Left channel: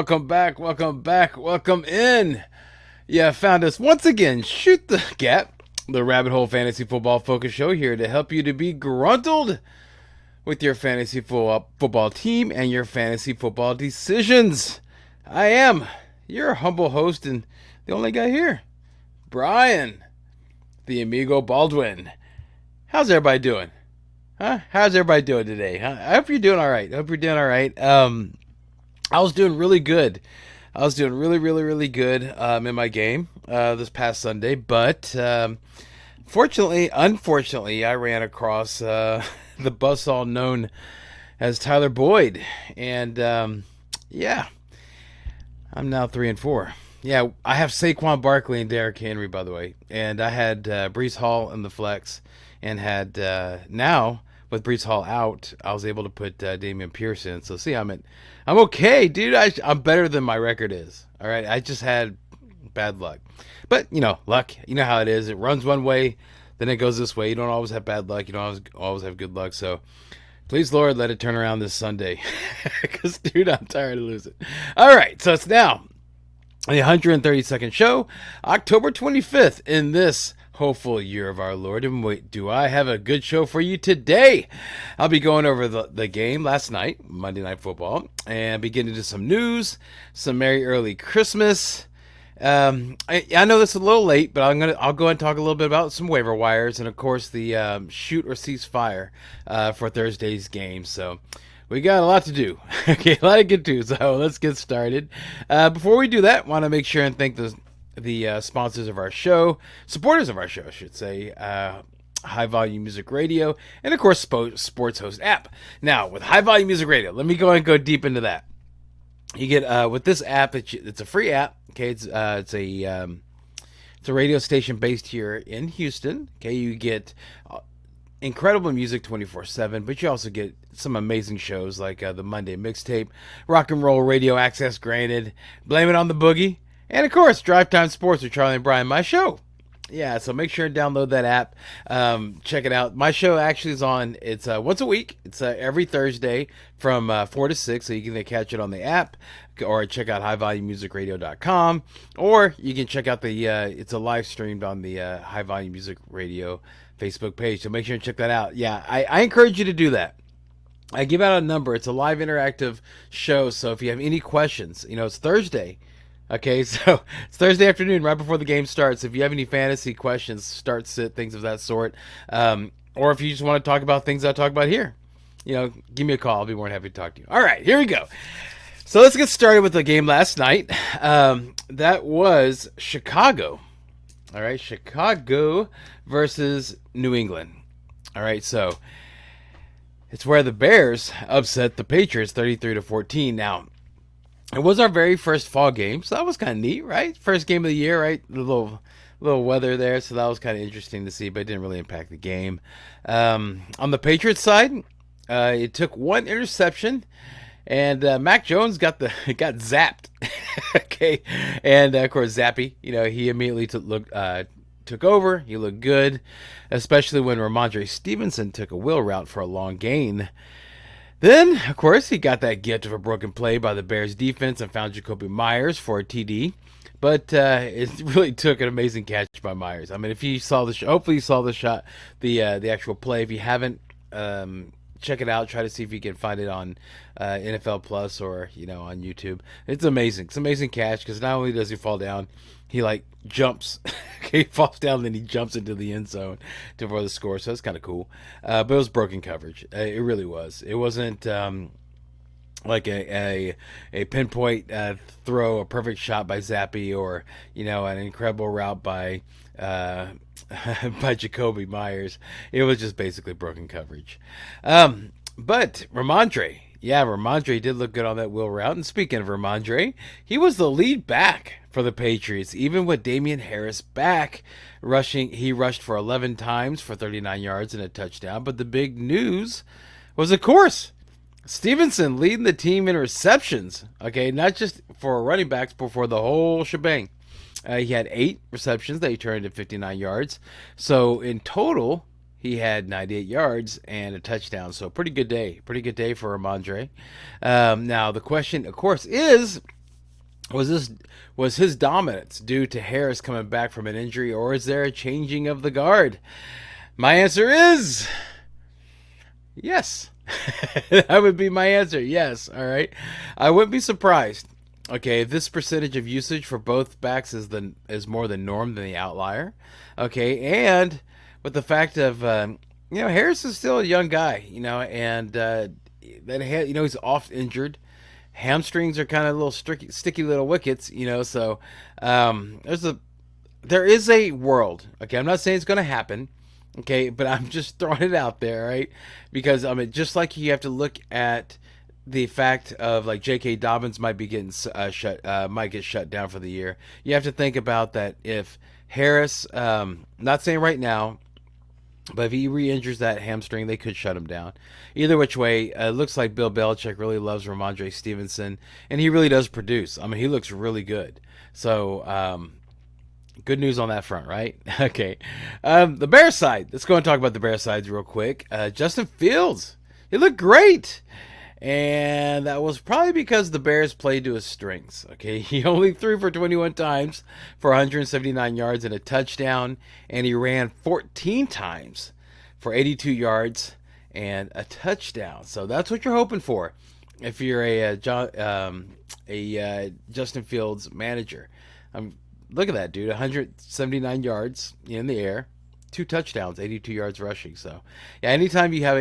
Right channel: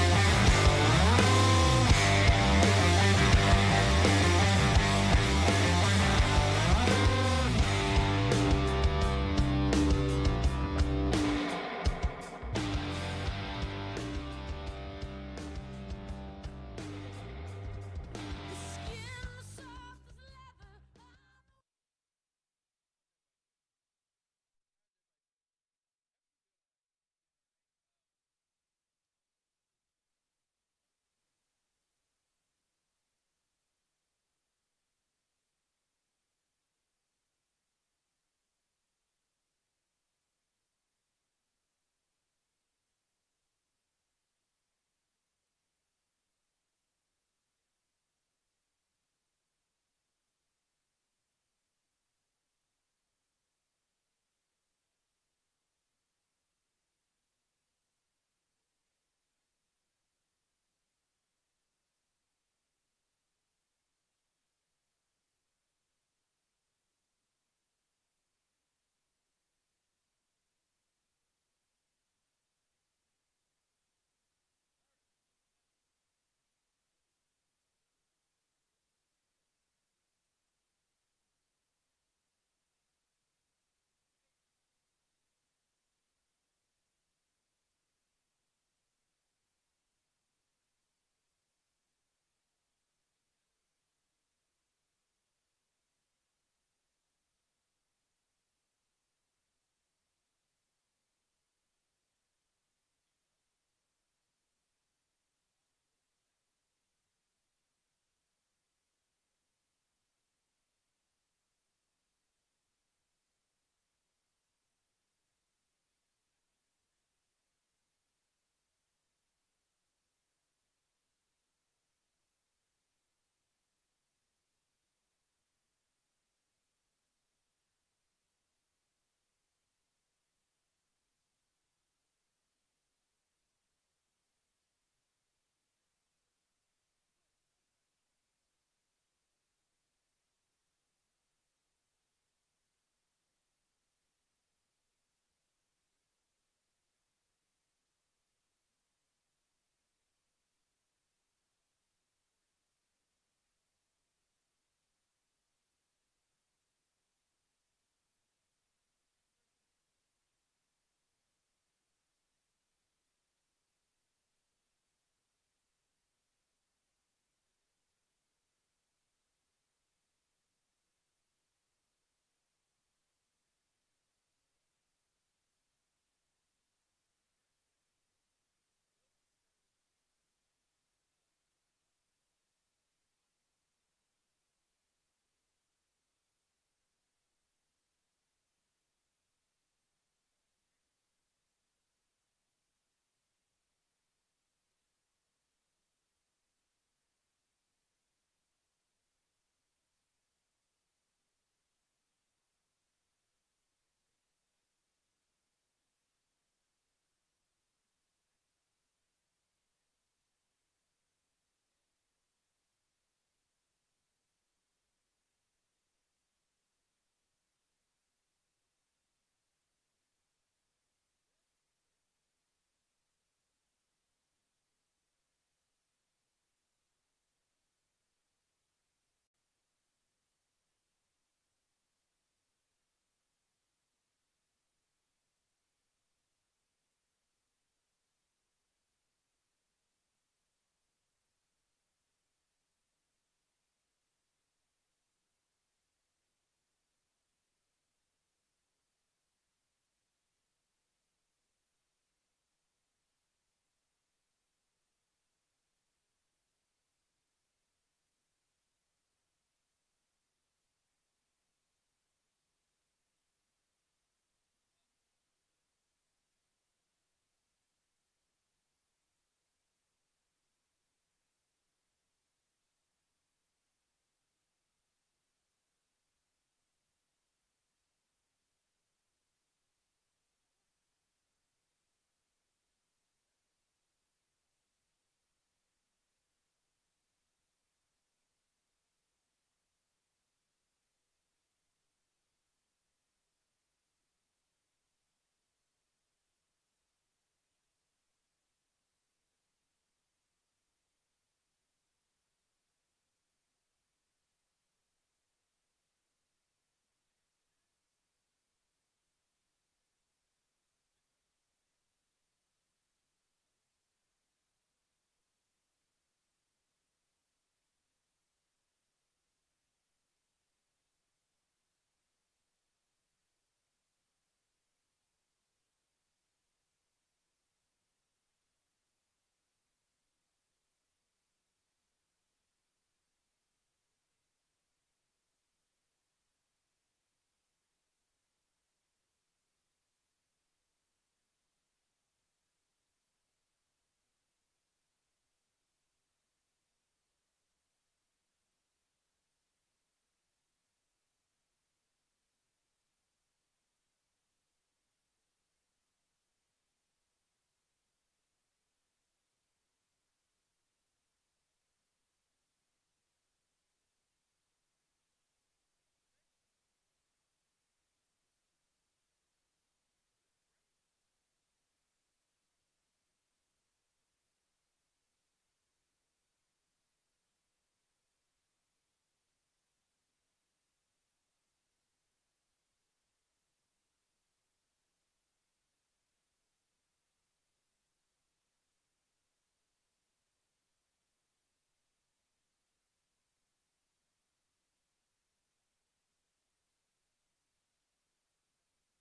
welcome in. Yeah, found us once again. Shoot the Gap, the Rabbit Hole Fantasy Football Focus Show, here to help you to be gruntled with your fantasy football team and your fantasy football decisions. I am your humble host and the only guy here, Brian, the Amigo Baldwin. How's everybody doing? How's everybody doing today? I hope you're doing all right. I was doing really good. I was doing really good in my game this past Sunday, but unfortunately, I ran across the buzzsaw known as Tyler Boyd, and yeah, I'm now 3-4. Yeah, I have Saquon Barkley and Derrick Henry, by the way, and I had Breece Hall in the flex, and had now with Breece Hall out, I was able to put Damian Pierce in. So see, I'm okay, dude. I'm better than my record is. All right, I just had bad luck, but luck. You know how it is. It runs one way, then it goes this way. You don't always have bad luck. You don't always have good luck. So please, Lord, let it turn around this Sunday, because dude, I'm tired of losing. All right, so it's now the 132nd show, October 25th, in this hopeful year of our Lord. And wait, do I have a good show for you today? I'll be going over the game last night, Monday Night Football, and be getting into some news, some Merry Early Christmas. I know this is a little late, but I'll go and talk a little bit about some waiver wires, and of course the shoot or cease fire for Thursday's game. So we got a lot to do. Okay, a lot to get to, so let's get started. Before we do that, want to make sure and thank the sponsors of our show, supporters of our show, I should say, High Volume Music Radio, and of course Sports Host app. Now, with High Volume Music Radio, let me go deep into that. You get with this app, it's a free app. Okay, it's a radio station based here in Houston. Okay, you get incredible music 24/7, but you also get some amazing shows like the Monday Mixtape, Rock and Roll Radio Access Granted, Blame It on the Boogie, and of course, Drive Time Sports with Charlie and Brian, my show. Yeah, so make sure and download that app. Check it out. My show actually is on. It's once a week. It's every Thursday from 4 to 6, so you can catch it on the app, or check out highvolumemusicradio.com, or you can check out it's a live streamed on the High Volume Music Radio Facebook page. So make sure and check that out. Yeah, I encourage you to do that. I give out a number. It's a live interactive show, so if you have any questions, it's Thursday. Okay, so it's Thursday afternoon, right before the game starts. If you have any fantasy questions, start sit, things of that sort, or if you just want to talk about things I talk about here, give me a call. I'll be more than happy to talk to you. All right, here we go. So let's get started with the game last night. That was Chicago. All right, Chicago versus New England. All right, so it's where the Bears upset the Patriots 33-14. Now, it was our very first fall game, so that was kind of neat, right? First game of the year, right? The little weather there, so that was kind of interesting to see, but it didn't really impact the game. On the Patriots side, it took one interception, and Mac Jones got zapped. Okay, and of course Zappy, he immediately took over. He looked good, especially when Ramondre Stevenson took a wheel route for a long gain. Then, of course, he got that gift of a broken play by the Bears defense and found Jacoby Myers for a TD. But it really took an amazing catch by Myers. I mean, if you saw hopefully you saw the shot, the actual play. If you haven't, check it out. Try to see if you can find it on NFL Plus or on YouTube. It's amazing. It's an amazing catch, because not only does he fall down, he jumps. He falls down, then he jumps into the end zone for the score. So that's kind of cool. But it was broken coverage. It really was. It wasn't like a pinpoint throw, a perfect shot by Zappy, or an incredible route by Jacoby Myers. It was just basically broken coverage. But Ramondre did look good on that wheel route. And speaking of Ramondre, he was the lead back for the Patriots, even with Damian Harris back rushing. He rushed for 11 times for 39 yards and a touchdown. But the big news was, of course, Stevenson leading the team in receptions. Okay, not just for running backs, but for the whole shebang. He had 8 receptions that he turned into 59 yards. So in total, he had 98 yards and a touchdown. So pretty good day for Ramondre. Now the question, of course, is Was his dominance due to Harris coming back from an injury, or is there a changing of the guard? My answer is yes. That would be my answer. Yes. All right. I wouldn't be surprised. Okay, if this percentage of usage for both backs is more the norm than the outlier. Okay, and with the fact of Harris is still a young guy, and he's oft injured. Hamstrings are kind of little sticky little wickets, So there is a world. Okay, I'm not saying it's going to happen. Okay, but I'm just throwing it out there, right? Because just like you have to look at the fact of like J.K. Dobbins might be getting might get shut down for the year. You have to think about that if Harris, not saying right now, but if he re-injures that hamstring, they could shut him down. Either which way, it looks like Bill Belichick really loves Ramondre Stevenson, and he really does produce. He looks really good. So, good news on that front, right? Okay. The Bears side. Let's go and talk about the Bears sides real quick. Justin Fields. He looked great. And that was probably because the Bears played to his strengths. Okay, he only threw for 21 times for 179 yards and a touchdown, and he ran 14 times for 82 yards and a touchdown. So that's what you're hoping for if you're a Justin Fields manager. Look at that, dude! 179 yards in the air, 2 touchdowns, 82 yards rushing. So, yeah, anytime you have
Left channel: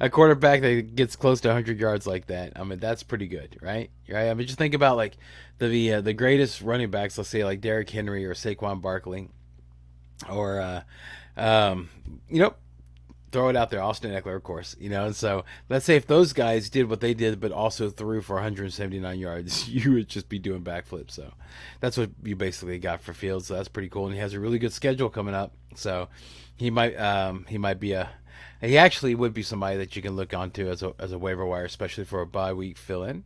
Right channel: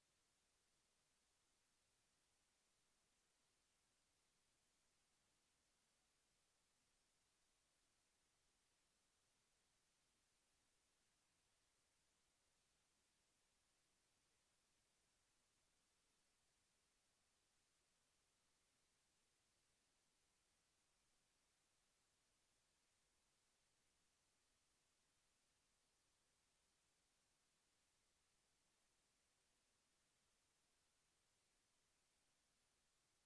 a quarterback that gets close to 100 yards like that, that's pretty good, right? Right? Just think about like the greatest running backs, let's say like Derrick Henry or Saquon Barkley, or throw it out there, Austin Eckler, of course, And so let's say if those guys did what they did, but also threw for 179 yards, you would just be doing backflips. So that's what you basically got for Fields. So that's pretty cool, and he has a really good schedule coming up. So he might be he actually would be somebody that you can look onto as a waiver wire, especially for a bye week fill-in.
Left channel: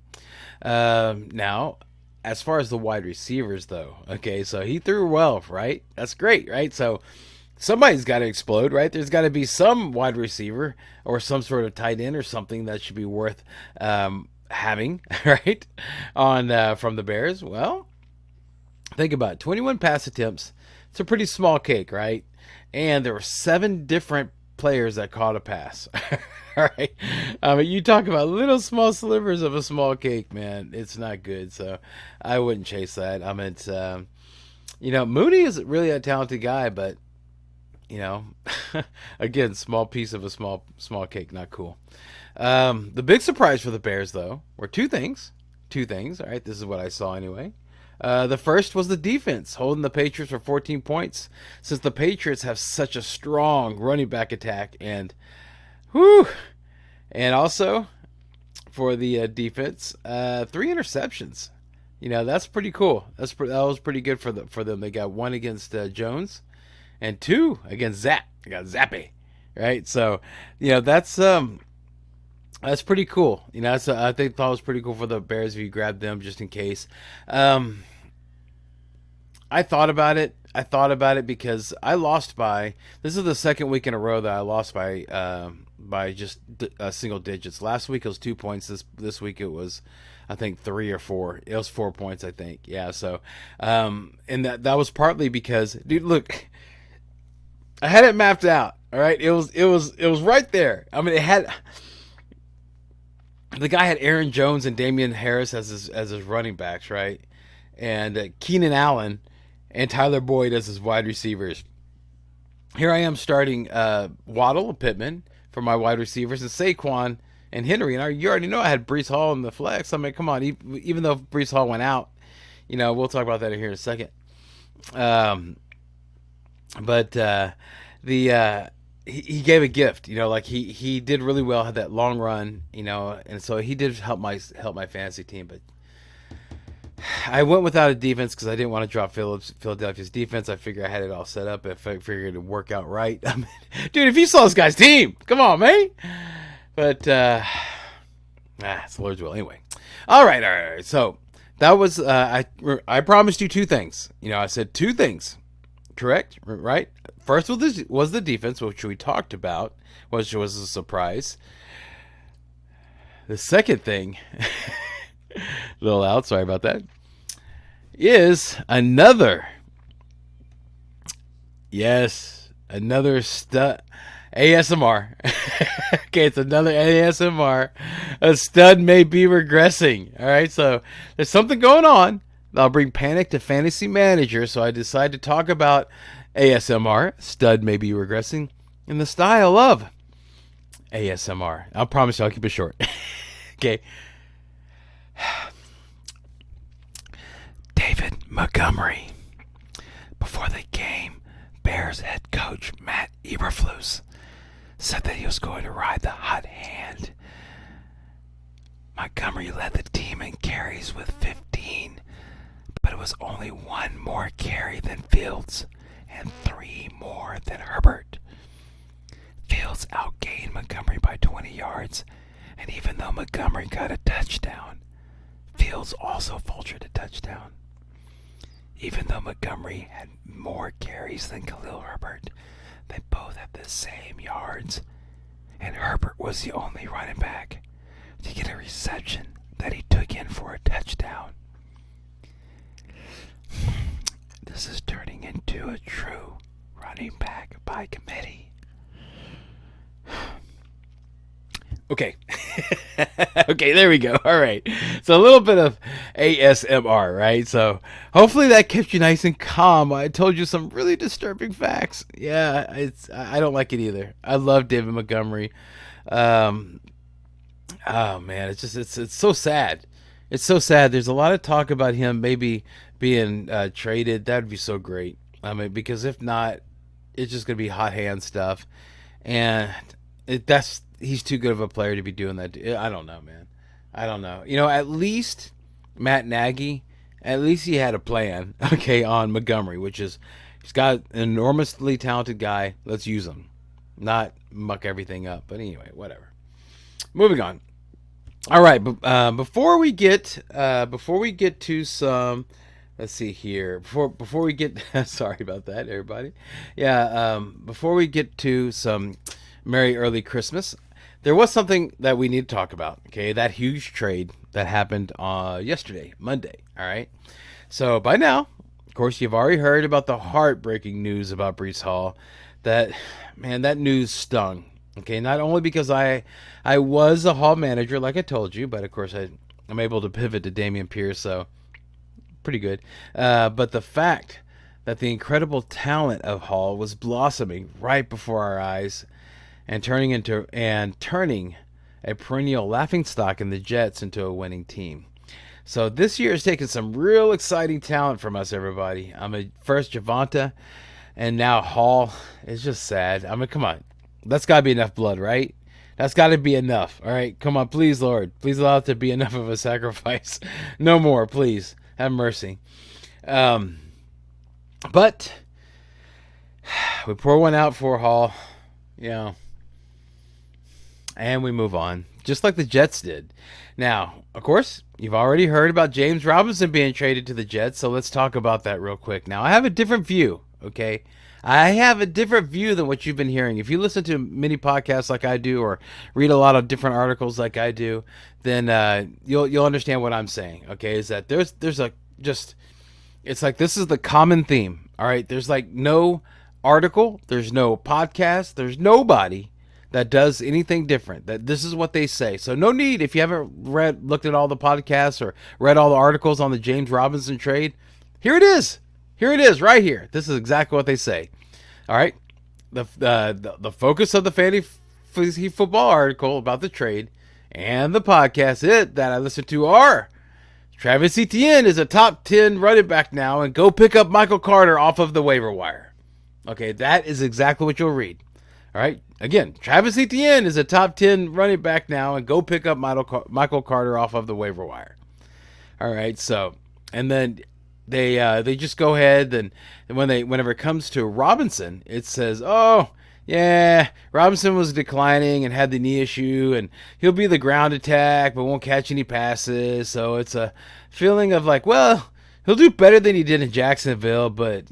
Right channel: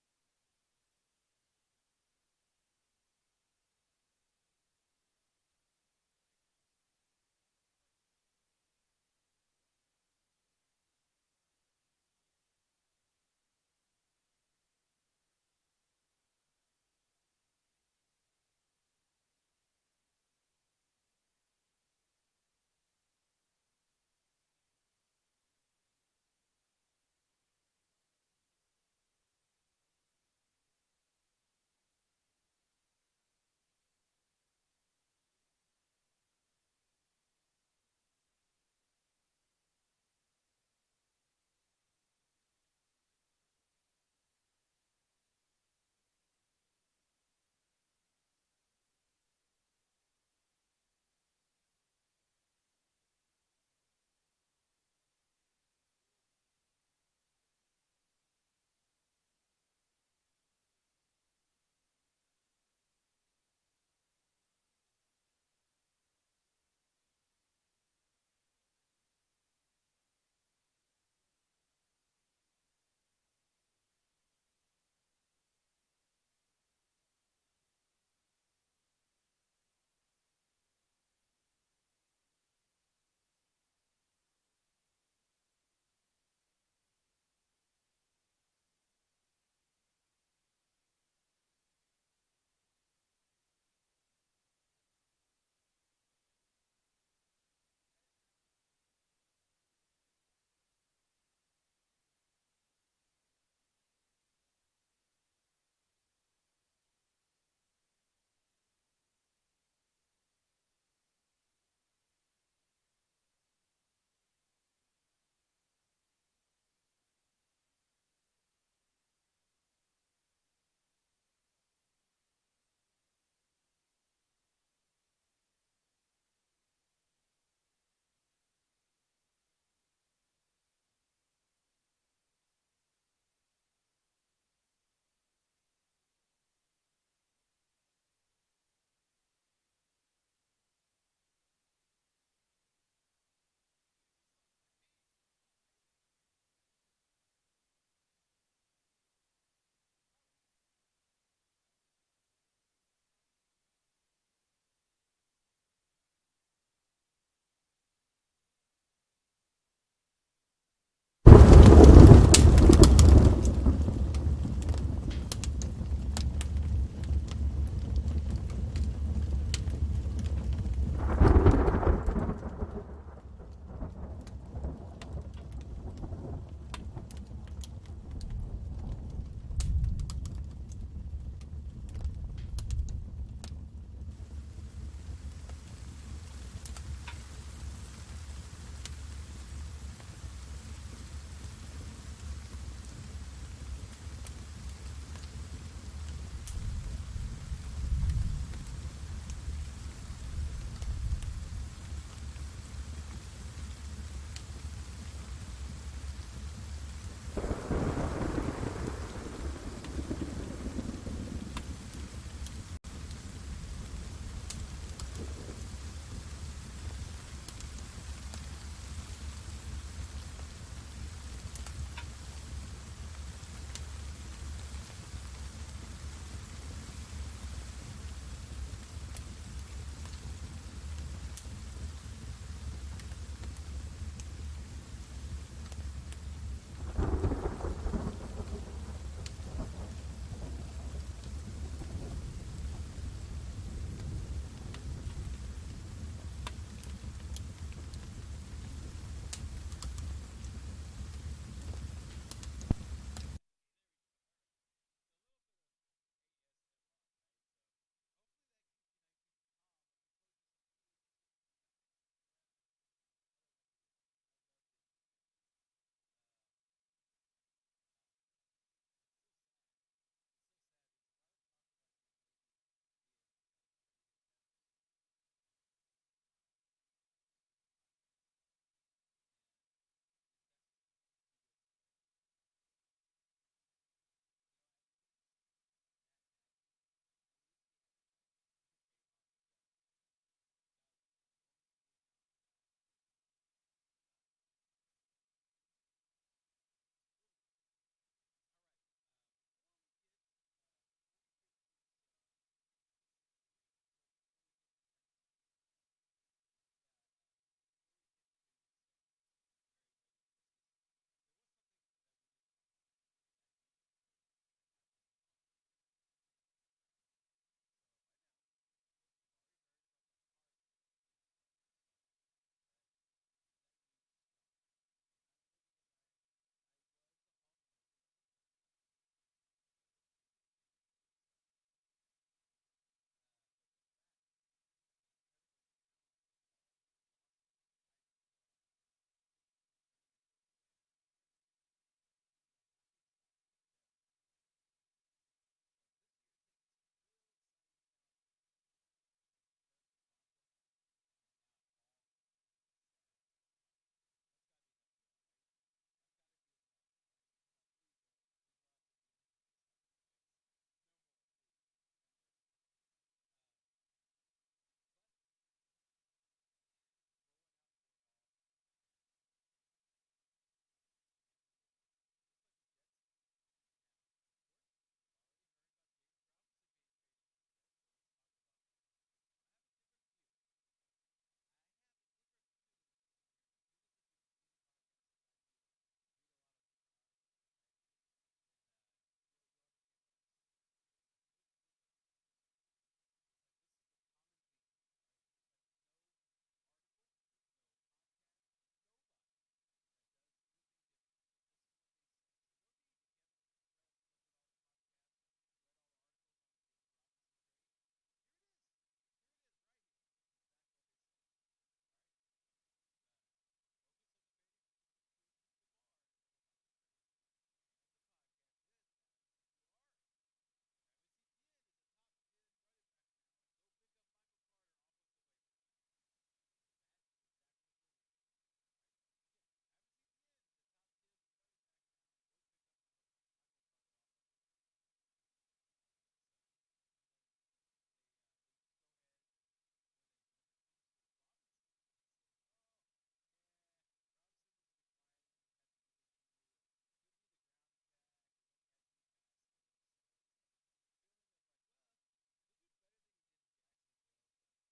Now, as far as the wide receivers, though, okay, so he threw well, right? That's great, right? So somebody's got to explode, right? There's got to be some wide receiver or some sort of tight end or something that should be worth having, right? On from the Bears. Well, think about it. 21 pass attempts. It's a pretty small cake, right? And there were 7 different players that caught a pass. All right. You talk about little small slivers of a small cake, man. It's not good. So I wouldn't chase that. Mooney is really a talented guy, but again, small piece of a small cake, not cool. The big surprise for the Bears, though, were two things. All right, this is what I saw anyway. The first was the defense, holding the Patriots for 14 points, since the Patriots have such a strong running back attack, and also for the defense, 3 interceptions. That's pretty cool. That was pretty good for them. They got 1 against Jones, and 2 against Zap. They got Zappe, right? So, that's pretty cool. I thought it was pretty cool for the Bears if you grabbed them just in case. I thought about it. Because I lost by. This is the second week in a row that I lost by just single digits. Last week it was 2 points. This week it was, I think, 3 or 4. It was 4 points, I think. Yeah. So, and that was partly because, dude, look, I had it mapped out. All right, it was right there. It had. The guy had Aaron Jones and Damian Harris as his running backs, right? And Keenan Allen and Tyler Boyd as his wide receivers. Here I am starting Waddle and Pittman for my wide receivers, and Saquon and Henry. And you already know I had Breece Hall in the flex. Come on, even though Breece Hall went out, we'll talk about that here in a second. But he gave a gift, he did really well, had that long run, and so he did help my fantasy team. But I went without a defense because I didn't want to drop Philadelphia's defense. I figured I had it all set up. I figured it would work out right. Dude, if you saw this guy's team, come on, man. But it's the Lord's will anyway. All right. So that was I promised you 2 things. I said 2 things, correct? Right? First was the defense, which we talked about, which was a surprise. The second thing little loud, sorry about that, is another, yes, another stud ASMR. Okay, it's another ASMR. A stud may be regressing. All right, so there's something going on that'll bring panic to fantasy managers. So I decided to talk about ASMR, stud may be regressing, in the style of ASMR. I promise you I'll keep it short. Okay. David Montgomery. Before the game, Bears head coach Matt Eberflus said that he was going to ride the hot hand. Montgomery led the team in carries with 15, but it was only one more carry than Fields and 3 more than Herbert. Fields outgained Montgomery by 20 yards, and even though Montgomery got a touchdown, Fields also vultured a touchdown. Even though Montgomery had more carries than Khalil Herbert, they both had the same yards, and Herbert was the only running back to get a reception that he took in for a touchdown. This is turning into a true running back by committee. Okay. Okay, there we go. All right. So a little bit of ASMR, right? So hopefully that kept you nice and calm. I told you some really disturbing facts. Yeah, I don't like it either. I love David Montgomery. Oh man, it's so sad. It's so sad. There's a lot of talk about him maybe being traded. That'd be so great. I mean, because if not, it's just gonna be hot hand stuff, and he's too good of a player to be doing that. I don't know, man. I don't know. You know, at least Matt Nagy, at least he had a plan, okay, on Montgomery, which is he's got an enormously talented guy. Let's use him, not muck everything up. But anyway, whatever. Moving on. All right, but before we get to some, let's see here. Before we get, sorry about that, everybody. Yeah, before we get to some Merry Early Christmas, there was something that we need to talk about. Okay, that huge trade that happened yesterday, Monday. All right. So by now, of course, you've already heard about the heartbreaking news about Breece Hall. That news stung. Okay, not only because I was a Hall manager, like I told you, but of course I'm able to pivot to Dameon Pierce, so pretty good. But the fact that the incredible talent of Hall was blossoming right before our eyes, and turning a perennial laughingstock in the Jets into a winning team. So this year has taken some real exciting talent from us, everybody. First Javonte, and now Hall. It's just sad. I mean, come on. That's got to be enough blood, right? That's got to be enough. All right, come on, please, Lord. Please allow it to be enough of a sacrifice. No more, please. Have mercy. But we pour one out for Hall. And we move on, just like the Jets did. Now, of course, you've already heard about James Robinson being traded to the Jets, so let's talk about that real quick. Now, I have a different view, okay? I have a different view than what you've been hearing. If you listen to many podcasts like I do, or read a lot of different articles like I do, then you'll understand what I'm saying, okay? Is that there's it's like this is the common theme, all right? There's like no article, there's no podcast, there's nobody that does anything different. That this is what they say. So no need, if you haven't looked at all the podcasts or read all the articles on the James Robinson trade, here it is. Here it is right here. This is exactly what they say. All right. The focus of the fantasy football article about the trade and the podcast that I listened to are Travis Etienne is a top 10 running back now, and go pick up Michael Carter off of the waiver wire. Okay, that is exactly what you'll read. All right. Again, Travis Etienne is a top 10 running back now, and go pick up Michael Carter off of the waiver wire. All right. So, and then they just go ahead, and whenever it comes to Robinson, it says, oh yeah, Robinson was declining and had the knee issue, and he'll be the ground attack but won't catch any passes. So it's a feeling of like, well, he'll do better than he did in Jacksonville, but,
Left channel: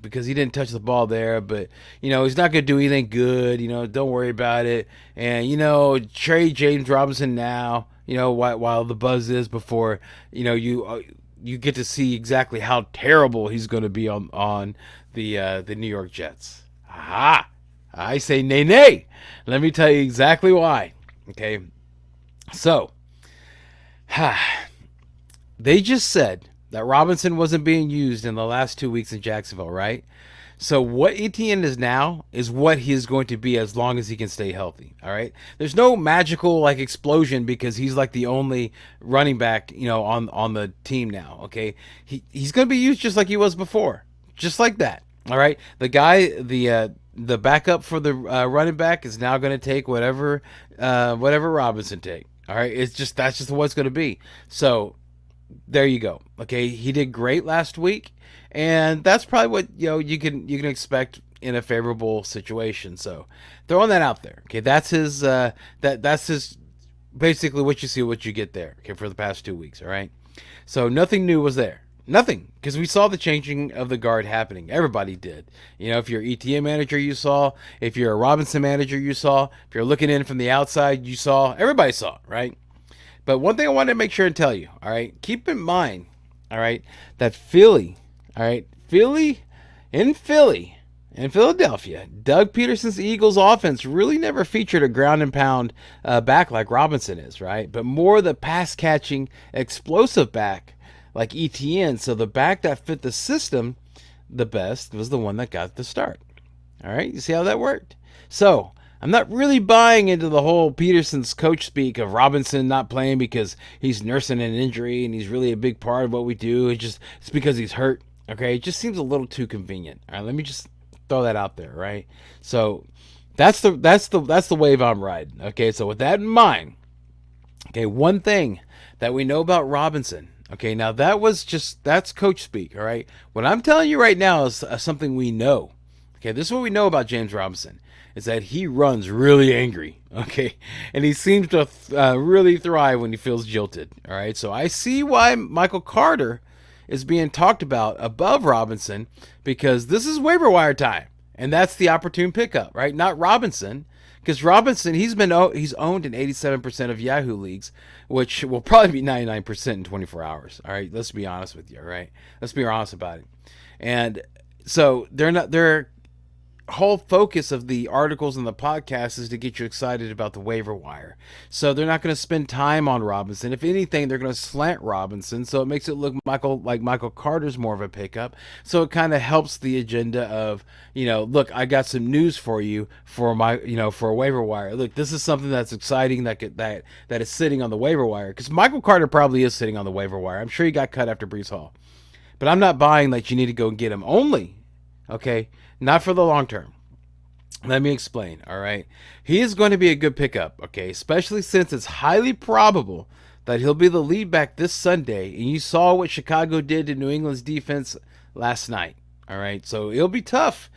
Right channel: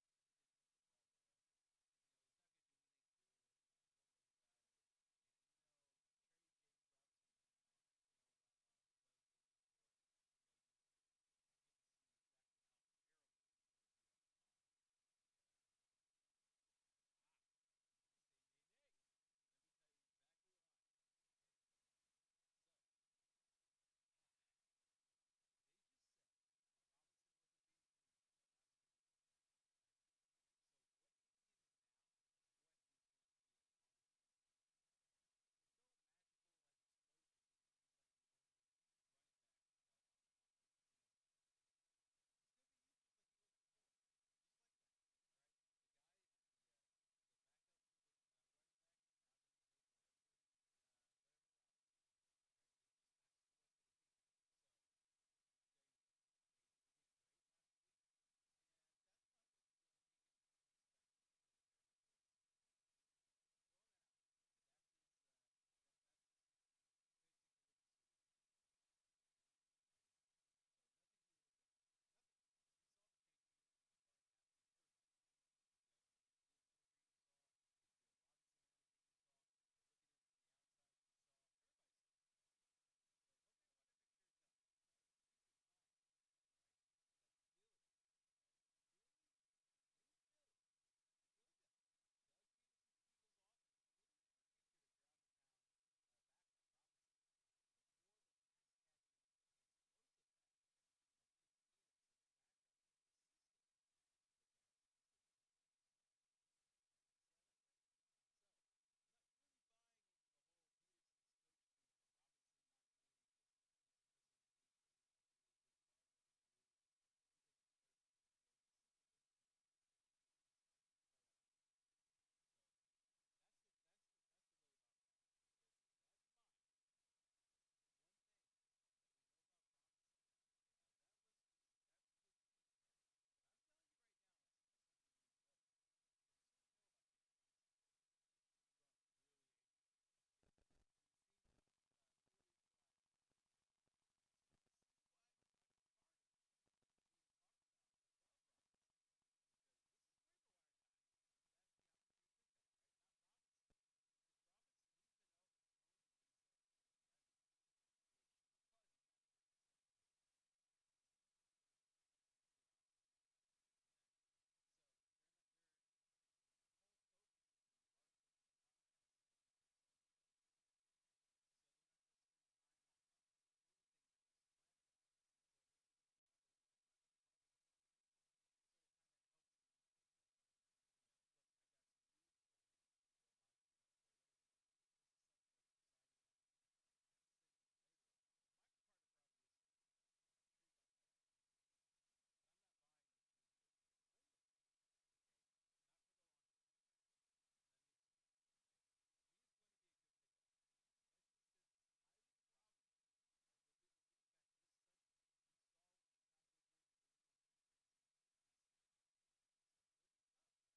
because he didn't touch the ball there, but, he's not going to do anything good, don't worry about it. And, trade James Robinson now, while the buzz is before, you get to see exactly how terrible he's going to be on the New York Jets. Aha! I say nay nay. Let me tell you exactly why. Okay, so they just said that Robinson wasn't being used in the last 2 weeks in Jacksonville, right? So what ETN is now is what he is going to be as long as he can stay healthy. All right. There's no magical like explosion because he's like the only running back, on the team now. Okay. He's going to be used just like he was before, just like that. All right. The backup for the running back is now going to take whatever Robinson take. All right. That's just what it's going to be. So there you go. Okay. He did great last week. And that's probably what you can expect in a favorable situation. So throwing that out there. Okay, that's his that's his basically what you see, what you get there. Okay, for the past 2 weeks. All right. So nothing new was there. Nothing, because we saw the changing of the guard happening. Everybody did. If you're ETM manager, you saw. If you're a Robinson manager, you saw. If you're looking in from the outside, you saw. Everybody saw, right? But one thing I wanted to make sure and tell you, all right, keep in mind, all right, that Philly. All right, in Philadelphia, Doug Peterson's Eagles offense really never featured a ground and pound back like Robinson is, right? But more the pass catching, explosive back like ETN. So the back that fit the system the best was the one that got the start. All right, you see how that worked? So I'm not really buying into the whole Peterson's coach speak of Robinson not playing because he's nursing an injury and he's really a big part of what we do. It's because he's hurt. Okay, it just seems a little too convenient. All right, let me just throw that out there, right? So that's the wave I'm riding. Okay, so with that in mind, okay, one thing that we know about Robinson. Okay, now that's coach speak. All right, what I'm telling you right now is something we know. Okay, this is what we know about James Robinson is that he runs really angry. Okay, and he seems to really thrive when he feels jilted. All right, so I see why Michael Carter is being talked about above Robinson because this is waiver wire time, and that's the opportune pickup, right? Not Robinson, because Robinson he's owned in 87% of Yahoo leagues, which will probably be 99% in 24 hours. All right, let's be honest with you. All right, let's be honest about it. And so their whole focus of the articles and the podcast is to get you excited about the waiver wire. So they're not going to spend time on Robinson. If anything, they're going to slant Robinson. So it makes it look like Michael Carter's more of a pickup. So it kind of helps the agenda of, look, I got some news for you for for a waiver wire. Look, this is something that's exciting that is sitting on the waiver wire. Because Michael Carter probably is sitting on the waiver wire. I'm sure he got cut after Breece Hall. But I'm not buying that you need to go and get him only. Okay. Not for the long term. Let me explain, all right? He is going to be a good pickup, okay? Especially since it's highly probable that he'll be the lead back this Sunday. And you saw what Chicago did to New England's defense last night, all right? So it'll be tough.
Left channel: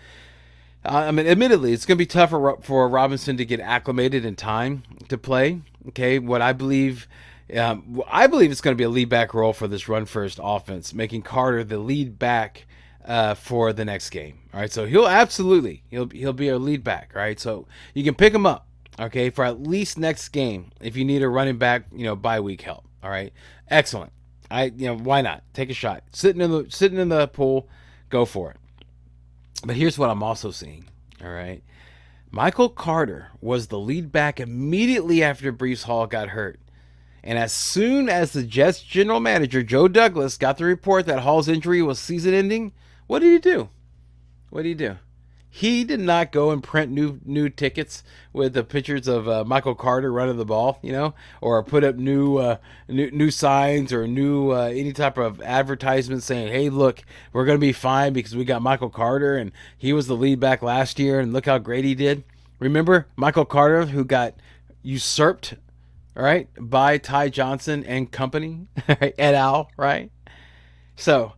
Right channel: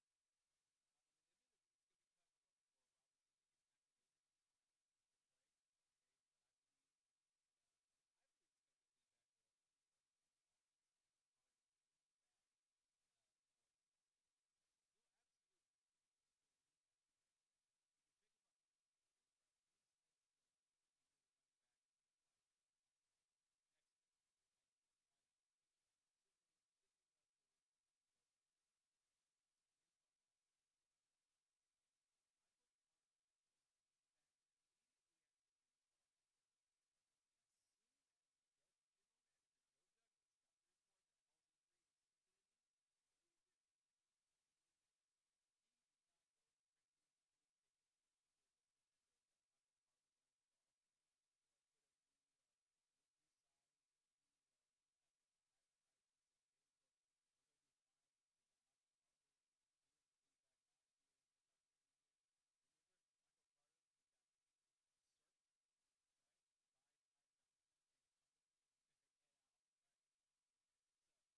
Admittedly, it's going to be tougher for Robinson to get acclimated in time to play, okay? I believe it's going to be a lead back role for this run-first offense, making Carter the lead back for the next game. All right, so he'll be a lead back. All right, so you can pick him up, okay, for at least next game if you need a running back, bye week help. All right, excellent. Why not take a shot? Sitting in the pool, go for it. But here's what I'm also seeing. All right, Michael Carter was the lead back immediately after Breece Hall got hurt. And as soon as the Jets general manager, Joe Douglas, got the report that Hall's injury was season-ending, what did he do? He did not go and print new tickets with the pictures of Michael Carter running the ball, or put up new signs or new any type of advertisement saying, "Hey, look, we're going to be fine because we got Michael Carter and he was the lead back last year and look how great he did." Remember Michael Carter, who got usurped, all right, by Ty Johnson and company, et al., right? So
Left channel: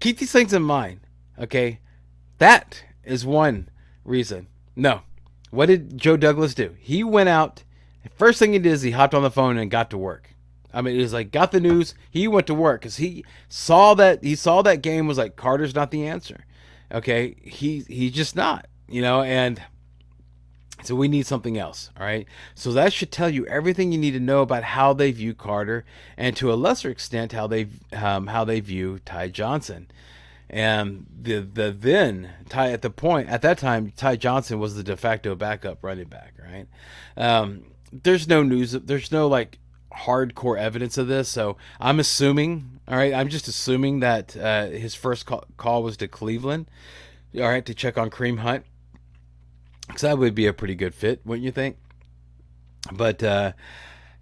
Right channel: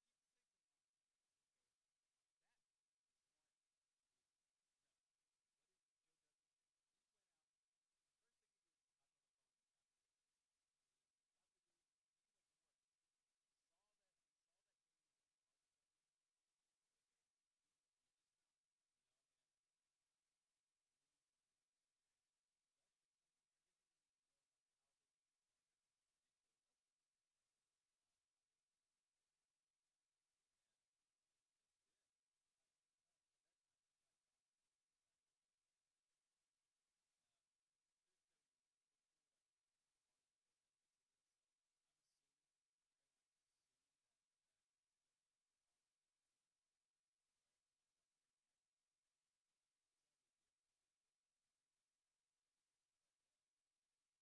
keep these things in mind, okay? That is one reason. No. What did Joe Douglas do? He went out. First thing he did is he hopped on the phone and got to work. It was like, got the news. He went to work because he saw that game was like, Carter's not the answer. Okay? He's just not, and So we need something else, all right? So that should tell you everything you need to know about how they view Carter, and to a lesser extent how they view Ty Johnson. And the then Ty at that time, Ty Johnson was the de facto backup running back, right? There's no news, there's no like hardcore evidence of this, so I'm assuming, all right, I'm just assuming that his first call was to Cleveland, all right, to check on Kareem Hunt, because that would be a pretty good fit, wouldn't you think? But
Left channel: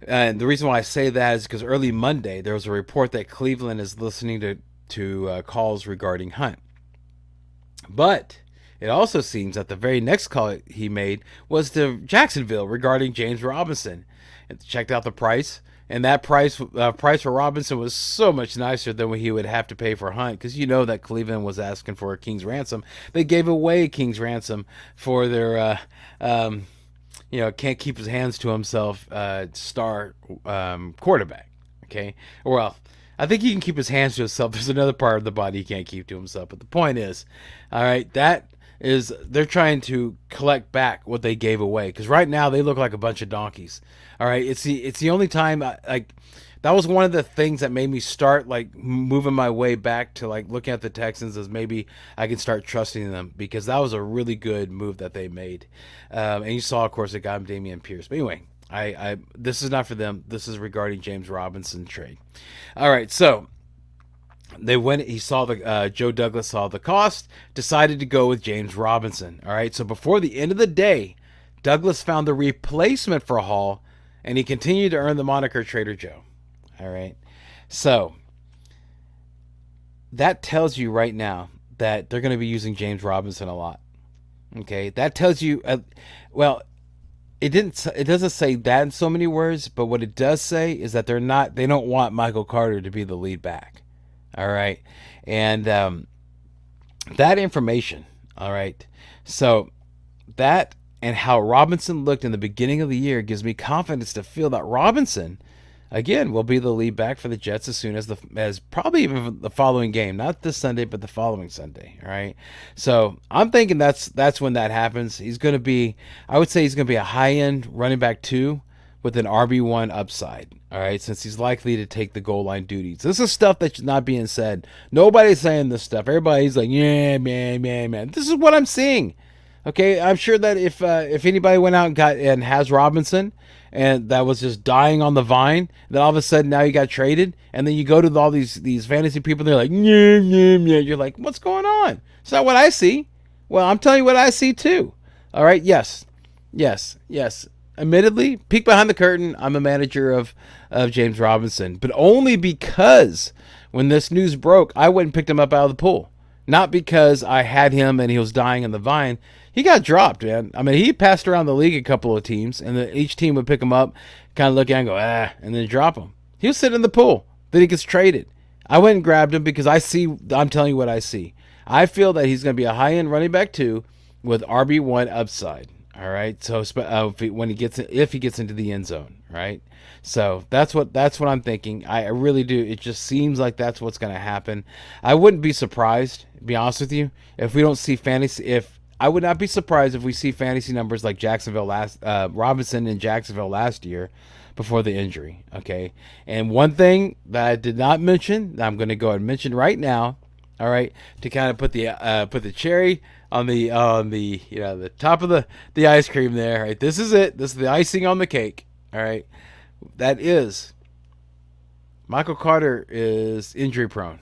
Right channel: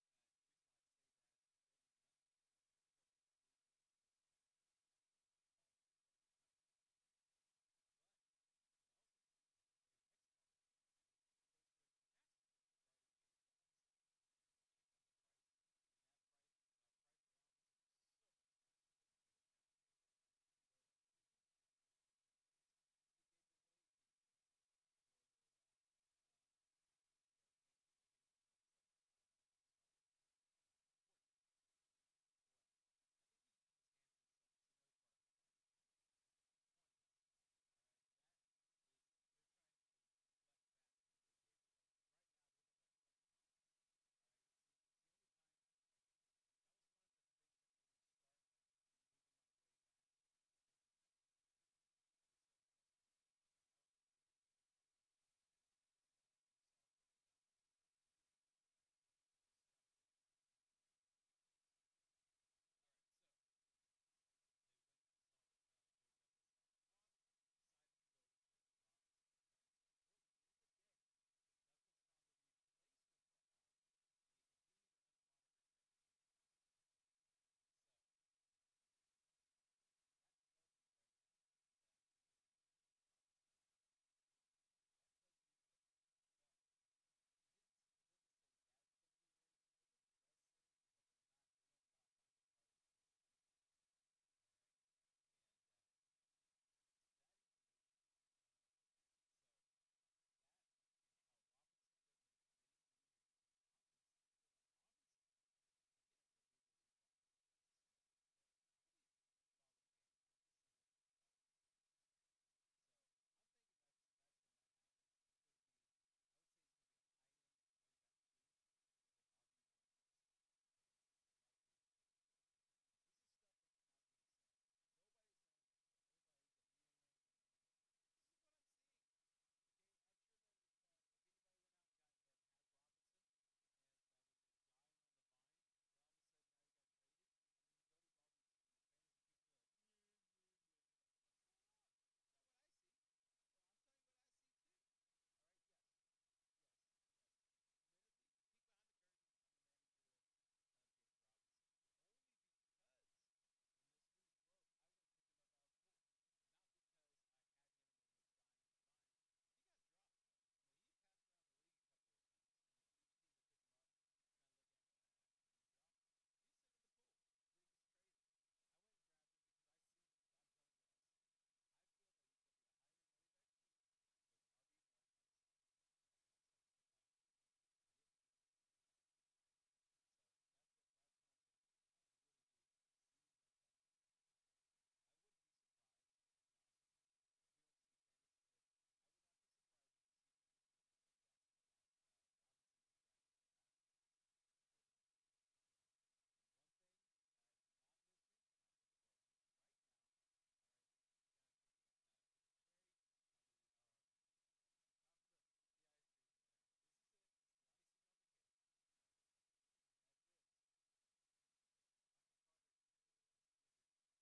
and the reason why I say that is because early Monday there was a report that Cleveland is listening to calls regarding Hunt. But it also seems that the very next call he made was to Jacksonville regarding James Robinson, and checked out the price. And that price for Robinson was so much nicer than what he would have to pay for Hunt, because you know that Cleveland was asking for a king's ransom. They gave away a king's ransom for their, can't keep his hands to himself star quarterback. Okay, well, I think he can keep his hands to himself. There's another part of the body he can't keep to himself. But the point is, all right, that is, they're trying to collect back what they gave away, because right now they look like a bunch of donkeys. All right, it's the only time that was one of the things that made me start like moving my way back to like looking at the Texans as maybe I can start trusting them, because that was a really good move that they made. And you saw, of course, it got him Dameon Pierce. But anyway, I this is not for them. This is regarding James Robinson trade. All right, so they went. He saw Joe Douglas saw the cost, decided to go with James Robinson. All right, so before the end of the day, Douglas found the replacement for Hall, and he continued to earn the moniker Trader Joe. All right, so that tells you right now that they're going to be using James Robinson a lot. Okay, that tells you, well, it doesn't say that in so many words, but what it does say is that they don't want Michael Carter to be the lead back. All right, and that information, all right, so that and how Robinson looked in the beginning of the year gives me confidence to feel that Robinson again will be the lead back for the Jets as soon as probably even the following game, not this Sunday but the following Sunday. All right, so I'm thinking that's when that happens. He's going to be, I would say he's going to be a high-end running back 2 with an RB1 upside. All right, since he's likely to take the goal line duties. This is stuff that's not being said. Nobody's saying this stuff. Everybody's like, yeah, man. This is what I'm seeing. Okay, I'm sure that if anybody went out and has Robinson, and that was just dying on the vine, then all of a sudden now you got traded, and then you go to all these fantasy people, they're like, yeah. You're like, what's going on? It's not what I see. Well, I'm telling you what I see too. All right, yes. Admittedly, peek behind the curtain, I'm a manager of James Robinson, but only because when this news broke, I went and picked him up out of the pool. Not because I had him and he was dying on the vine. He got dropped, man. I mean, he passed around the league a couple of teams, and each team would pick him up, kind of look at him and go, and then drop him. He was sitting in the pool. Then he gets traded. I went and grabbed him because I'm telling you what I see. I feel that he's going to be a high-end running back 2 with RB1 upside. All right, so if he gets into the end zone, right? So that's what I'm thinking. I really do. It just seems like that's what's going to happen. I wouldn't be surprised, to be honest with you, if we don't see fantasy. I would not be surprised if we see fantasy numbers like Robinson in Jacksonville last year, before the injury. Okay, and one thing that I did not mention, that I'm going to go ahead and mention right now. All right, to kind of put the cherry on the the top of the ice cream there. Right, this is it. This is the icing on the cake. All right, that is Michael Carter is injury prone.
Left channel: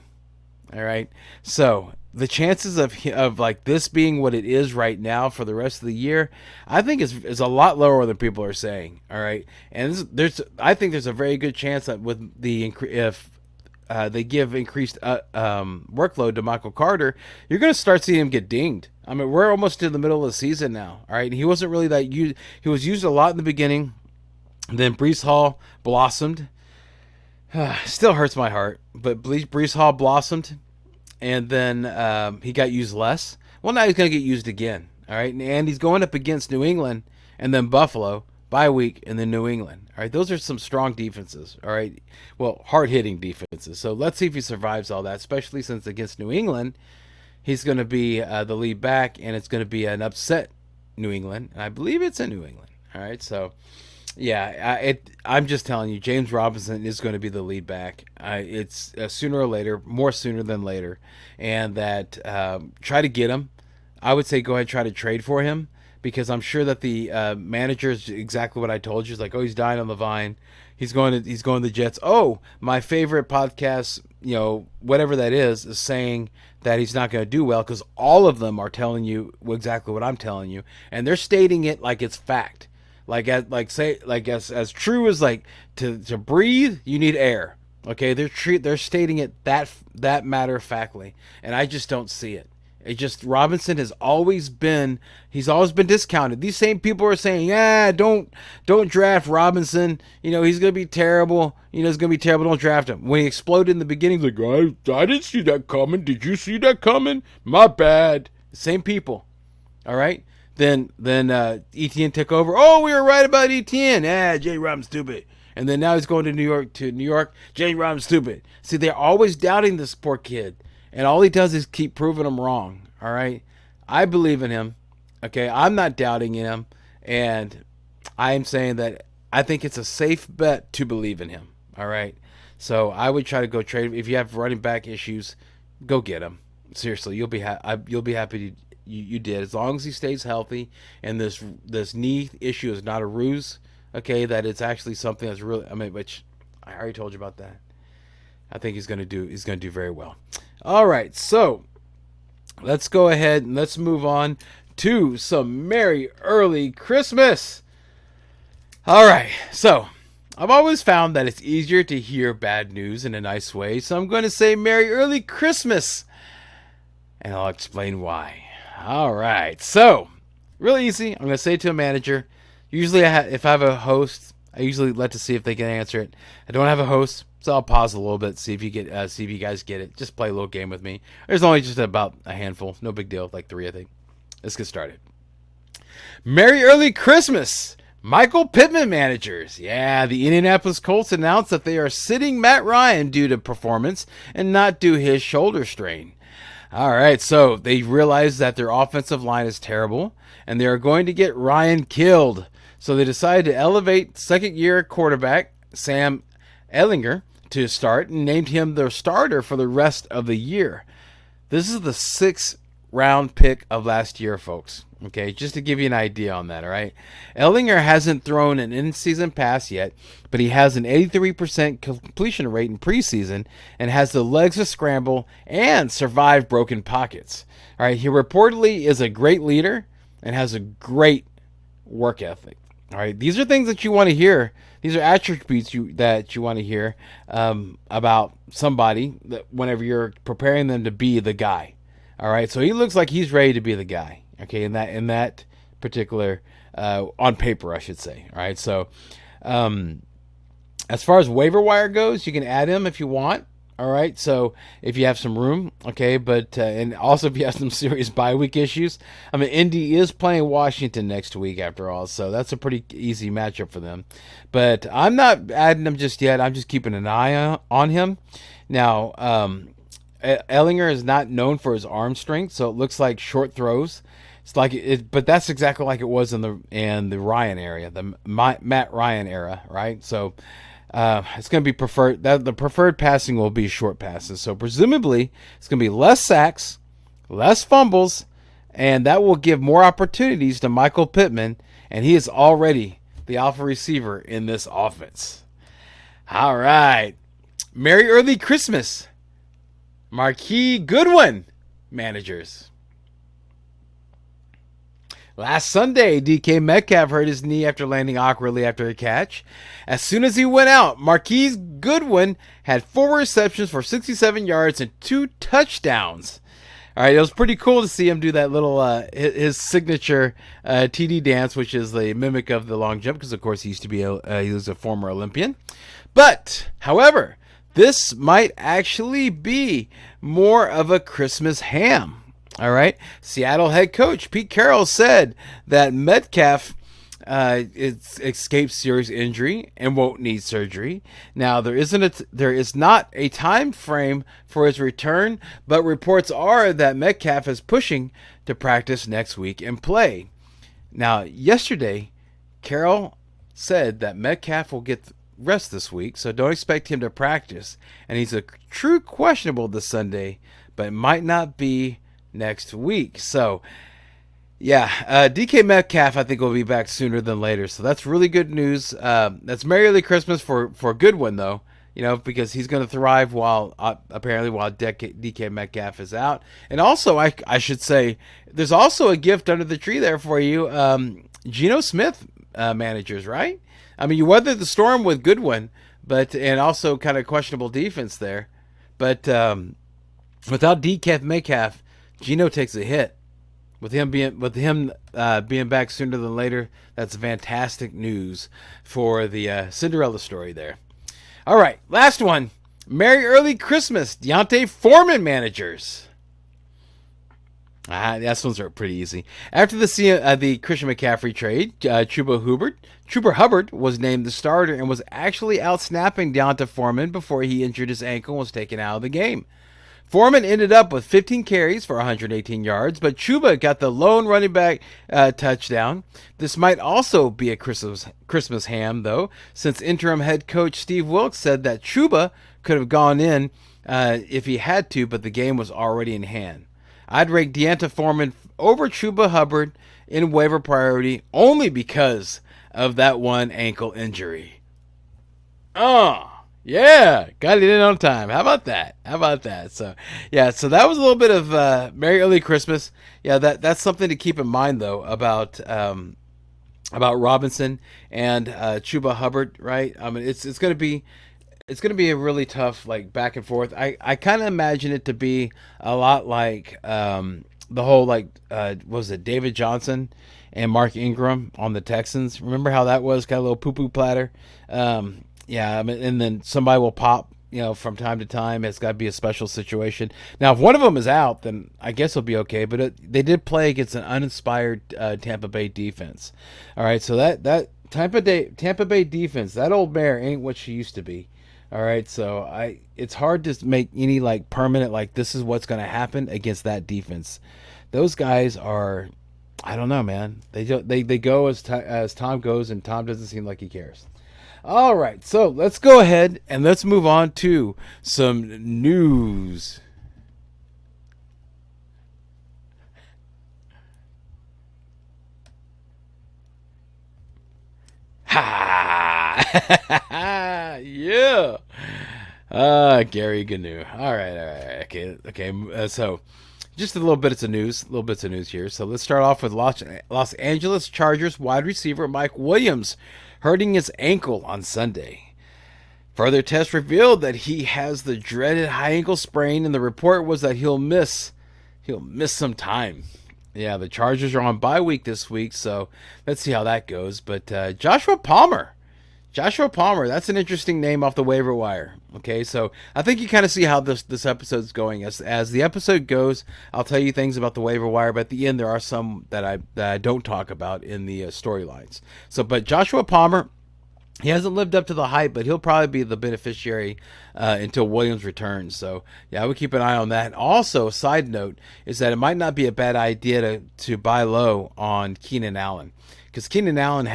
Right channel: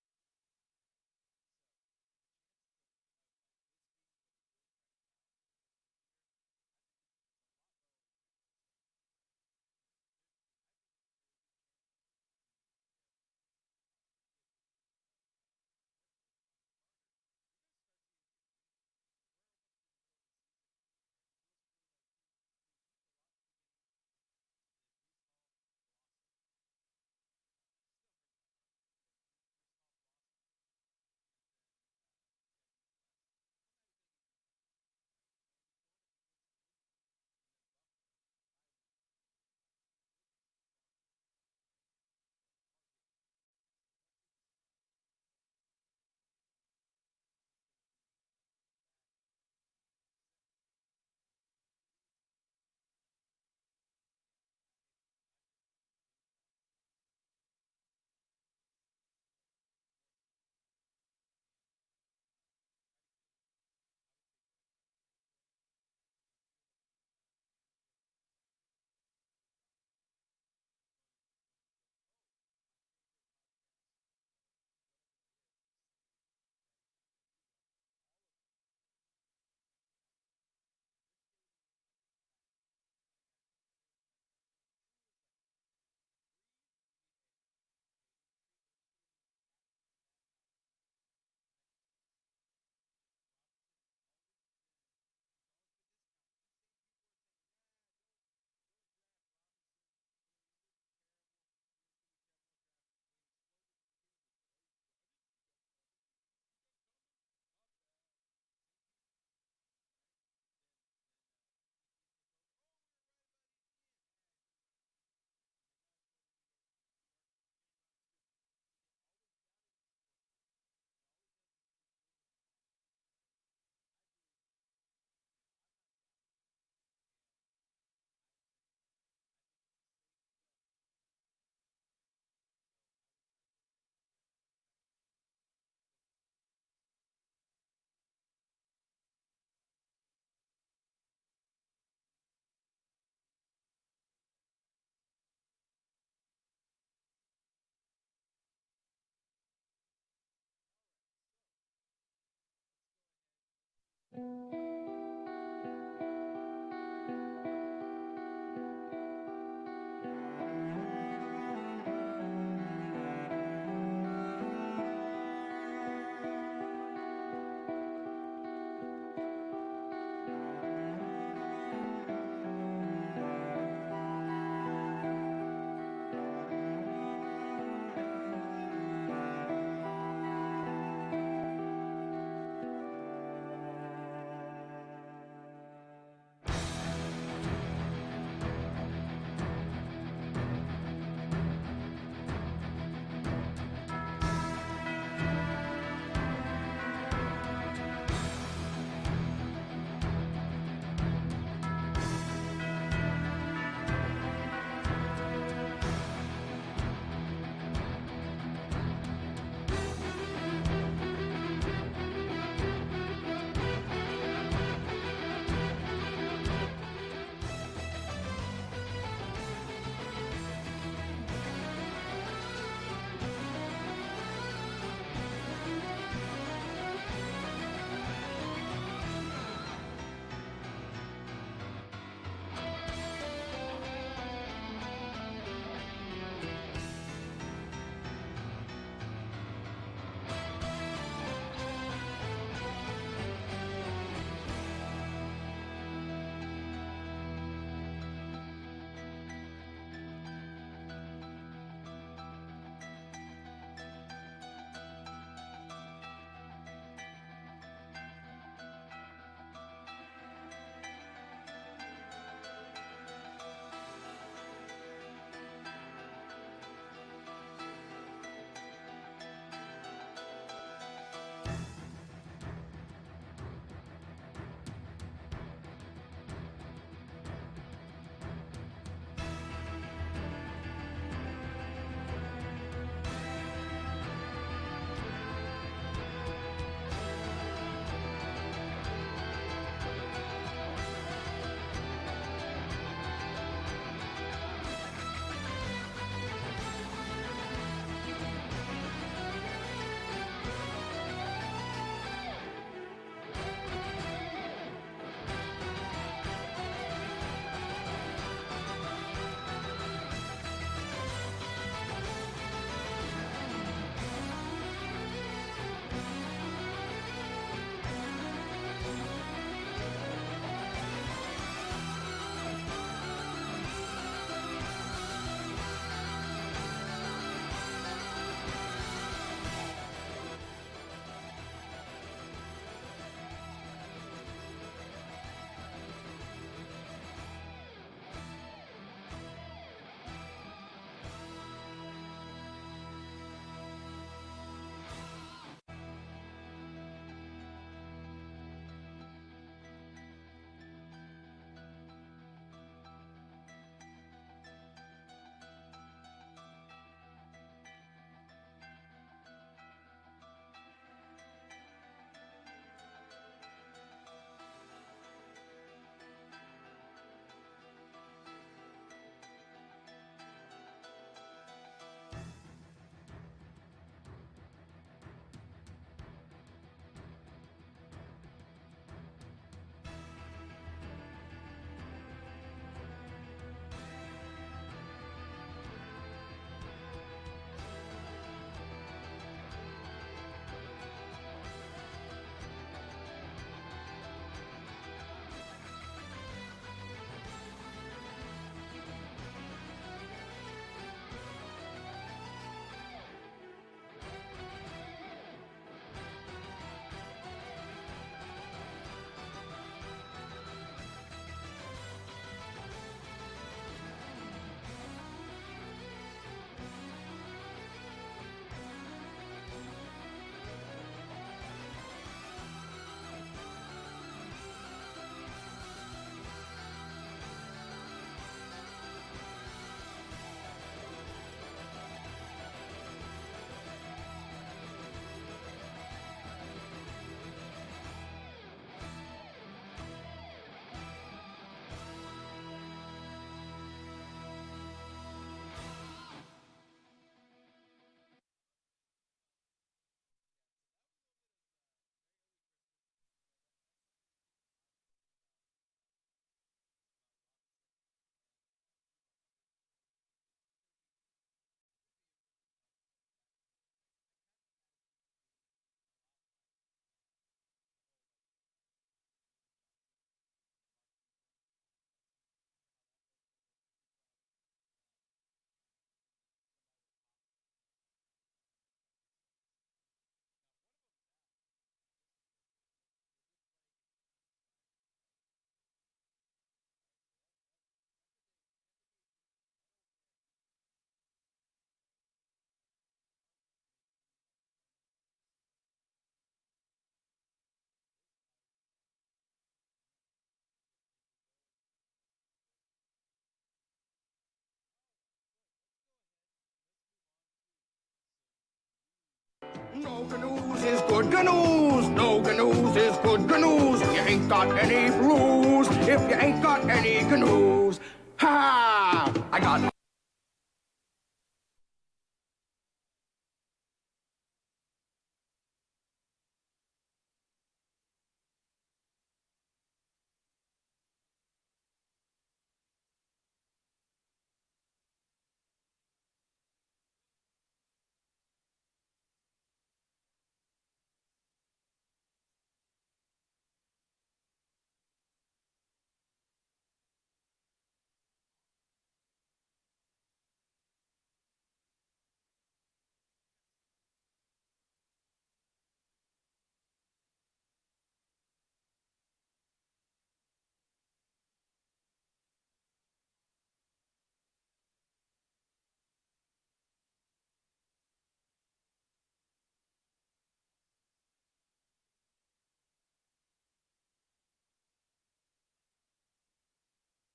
All right, so the chances of like this being what it is right now for the rest of the year, I think is a lot lower than people are saying. All right, and I think there's a very good chance that with if they give increased workload to Michael Carter, you're going to start seeing him get dinged. I mean, we're almost in the middle of the season now. All right, he wasn't really that used. He was used a lot in the beginning. Then Breece Hall blossomed. Still hurts my heart, but Breece Hall blossomed, and then he got used less. Well, now he's going to get used again. All right, and he's going up against New England and then Buffalo, bye week, and then New England. All right, those are some strong defenses. All right, well, hard-hitting defenses. So let's see if he survives all that, especially since against New England, he's going to be the lead back, and it's going to be an upset, New England, and I believe it's in New England. All right, so yeah, I'm just telling you, James Robinson is going to be the lead back. It's sooner or later, more sooner than later, and that try to get him. I would say go ahead and try to trade for him, because I'm sure that the manager is exactly what I told you. It's like, oh, he's dying on the vine. He's going to the Jets. Oh, my favorite podcast, whatever that is saying that he's not going to do well, because all of them are telling you exactly what I'm telling you, and they're stating it like it's fact. As true as like to breathe, you need air. Okay, they're stating it that matter of factly, and I just don't see it. Robinson has always been discounted. These same people are saying, yeah, don't draft Robinson. He's gonna be terrible. It's gonna be terrible. Don't draft him. When he exploded in the beginning, he's like, I didn't see that coming. Did you see that coming? My bad. Same people. All right. Then Etienne took over. Oh, we were right about Etienne. Jay Robin's stupid. And then now he's going to New York. Jay Robin's stupid. See, they're always doubting this poor kid. And all he does is keep proving them wrong. All right. I believe in him. Okay. I'm not doubting him. And I am saying that I think it's a safe bet to believe in him. All right. So I would try to go trade. If you have running back issues, go get him. Seriously, you'll be happy you did, as long as he stays healthy and this knee issue is not a ruse. Okay, that it's actually something that's really, which I already told you about that. I think he's gonna do very well. All right, so let's go ahead and let's move on to some Merry Early Christmas. All right, so I've always found that it's easier to hear bad news in a nice way, so I'm going to say Merry Early Christmas, and I'll explain why. All right, so really easy. I'm going to say it to a manager. Usually, if I have a host, I usually let to see if they can answer it. I don't have a host, so I'll pause a little bit, see if you guys get it. Just play a little game with me. There's only just about a handful, no big deal, like 3, I think. Let's get started. Merry Early Christmas, Michael Pittman managers. Yeah, the Indianapolis Colts announced that they are sitting Matt Ryan due to performance and not due his shoulder strain. All right, so they realize that their offensive line is terrible, and they are going to get Ryan killed. So they decided to elevate second-year quarterback Sam Ehlinger to start and named him their starter for the rest of the year. This is the 6th round pick of last year, folks. Okay, just to give you an idea on that, all right? Ehlinger hasn't thrown an in-season pass yet, but he has an 83% completion rate in preseason and has the legs to scramble and survive broken pockets. All right, he reportedly is a great leader and has a great work ethic. All right, these are things that you want to hear. These are attributes that you want to hear about somebody that whenever you're preparing them to be the guy. All right, so he looks like he's ready to be the guy. Okay, in that particular on paper, I should say. All right, so as far as waiver wire goes, you can add him if you want. All right, so if you have some room, okay, but and also if you have some serious bye week issues, Indy is playing Washington next week after all, so that's a pretty easy matchup for them. But I'm not adding him just yet. I'm just keeping an eye on him. Now, Ehlinger is not known for his arm strength, so it looks like short throws. It's like it, but that's exactly like it was in the Ryan area, the Matt Ryan era, right? So. It's going to be preferred. The preferred passing will be short passes. So presumably, it's going to be less sacks, less fumbles, and that will give more opportunities to Michael Pittman, and he is already the alpha receiver in this offense. All right. Merry Early Christmas, Marquis Goodwin managers. Last Sunday, DK Metcalf hurt his knee after landing awkwardly after the catch. As soon as he went out, Marquise Goodwin had 4 receptions for 67 yards and 2 touchdowns. All right, it was pretty cool to see him do that little his signature TD dance, which is the mimic of the long jump, because of course he was a former Olympian. But, however, this might actually be more of a Christmas ham. All right, Seattle head coach Pete Carroll said that Metcalf escaped serious injury and won't need surgery. Now there is not a time frame for his return, but reports are that Metcalf is pushing to practice next week and play. Now, yesterday, Carroll said that Metcalf will get rest this week, so don't expect him to practice. And he's a true questionable this Sunday, but it might not be next week. So, yeah, DK Metcalf, I think, will be back sooner than later. So that's really good news. That's Merry Early Christmas for Goodwin, though. Because he's going to thrive apparently while DK Metcalf is out. And also, I should say, there's also a gift under the tree there for you. Geno Smith managers, right? I mean, you weathered the storm with Goodwin, and also kind of questionable defense there. But without DK Metcalf, Geno takes a hit. With him being back sooner than later, that's fantastic news for the Cinderella story there. All right, last one. Merry Early Christmas, Deontay Foreman managers. These ones are pretty easy. After the Christian McCaffrey trade, Chuba Hubbard was named the starter and was actually out snapping Deontay Foreman before he injured his ankle and was taken out of the game. Foreman ended up with 15 carries for 118 yards, but Chuba got the lone running back touchdown. This might also be a Christmas ham, though, since interim head coach Steve Wilkes said that Chuba could have gone in if he had to, but the game was already in hand. I'd rate Deontay Foreman over Chuba Hubbard in waiver priority only because of that one ankle injury. Oh, yeah, got it in on time. How about that? So, yeah, so that was a little bit of Merry Early Christmas. Yeah, that's something to keep in mind, though, about Robinson and Chuba Hubbard, right? I mean, it's gonna be a really tough back and forth. I kind of imagine it to be a lot like the whole was it David Johnson and Mark Ingram on the Texans? Remember how that was kind of a little poo-poo platter? Yeah, I mean, and then somebody will pop, from time to time. It's got to be a special situation. Now, if one of them is out, then I guess it'll be okay. But they did play against an uninspired Tampa Bay defense. All right, so that Tampa Bay defense, that old mare ain't what she used to be. All right, so it's hard to make any permanent this is what's going to happen against that defense. Those guys are, I don't know, man. They go as Tom goes, and Tom doesn't seem like he cares. All right, so let's go ahead and let's move on to some news. No news is good news. No news is good news. You ain't got any blues if you ain't got any news. Ha! Yeah. Gary Gnu. All right. Okay. So, just a little bits of news here. So let's start off with Los Angeles Chargers wide receiver Mike Williams hurting his ankle on Sunday. Further tests revealed that he has the dreaded high ankle sprain, and the report was that he'll miss some time. Yeah, the Chargers are on bye week this week, so let's see how that goes. But Joshua Palmer, that's an interesting name off the waiver wire. Okay, so I think you kind of see how this episode's going. As the episode goes, I'll tell you things about the waiver wire, but at the end there are some that I don't talk about in the storylines. So, but Joshua Palmer, he hasn't lived up to the hype, but he'll probably be the beneficiary until Williams returns. So, yeah, I would keep an eye on that. Also, a side note is that it might not be a bad idea to buy low on Keenan Allen. Because Keenan Allen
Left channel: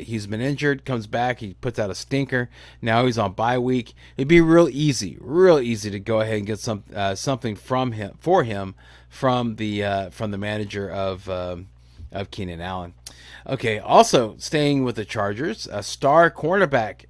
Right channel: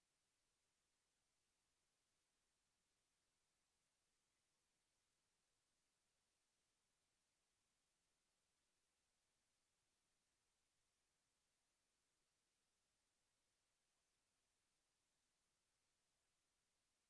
he's been injured, comes back, he puts out a stinker. Now he's on bye week. It'd be real easy to go ahead and get something from him from the manager of Keenan Allen. Okay, also staying with the Chargers, a star cornerback,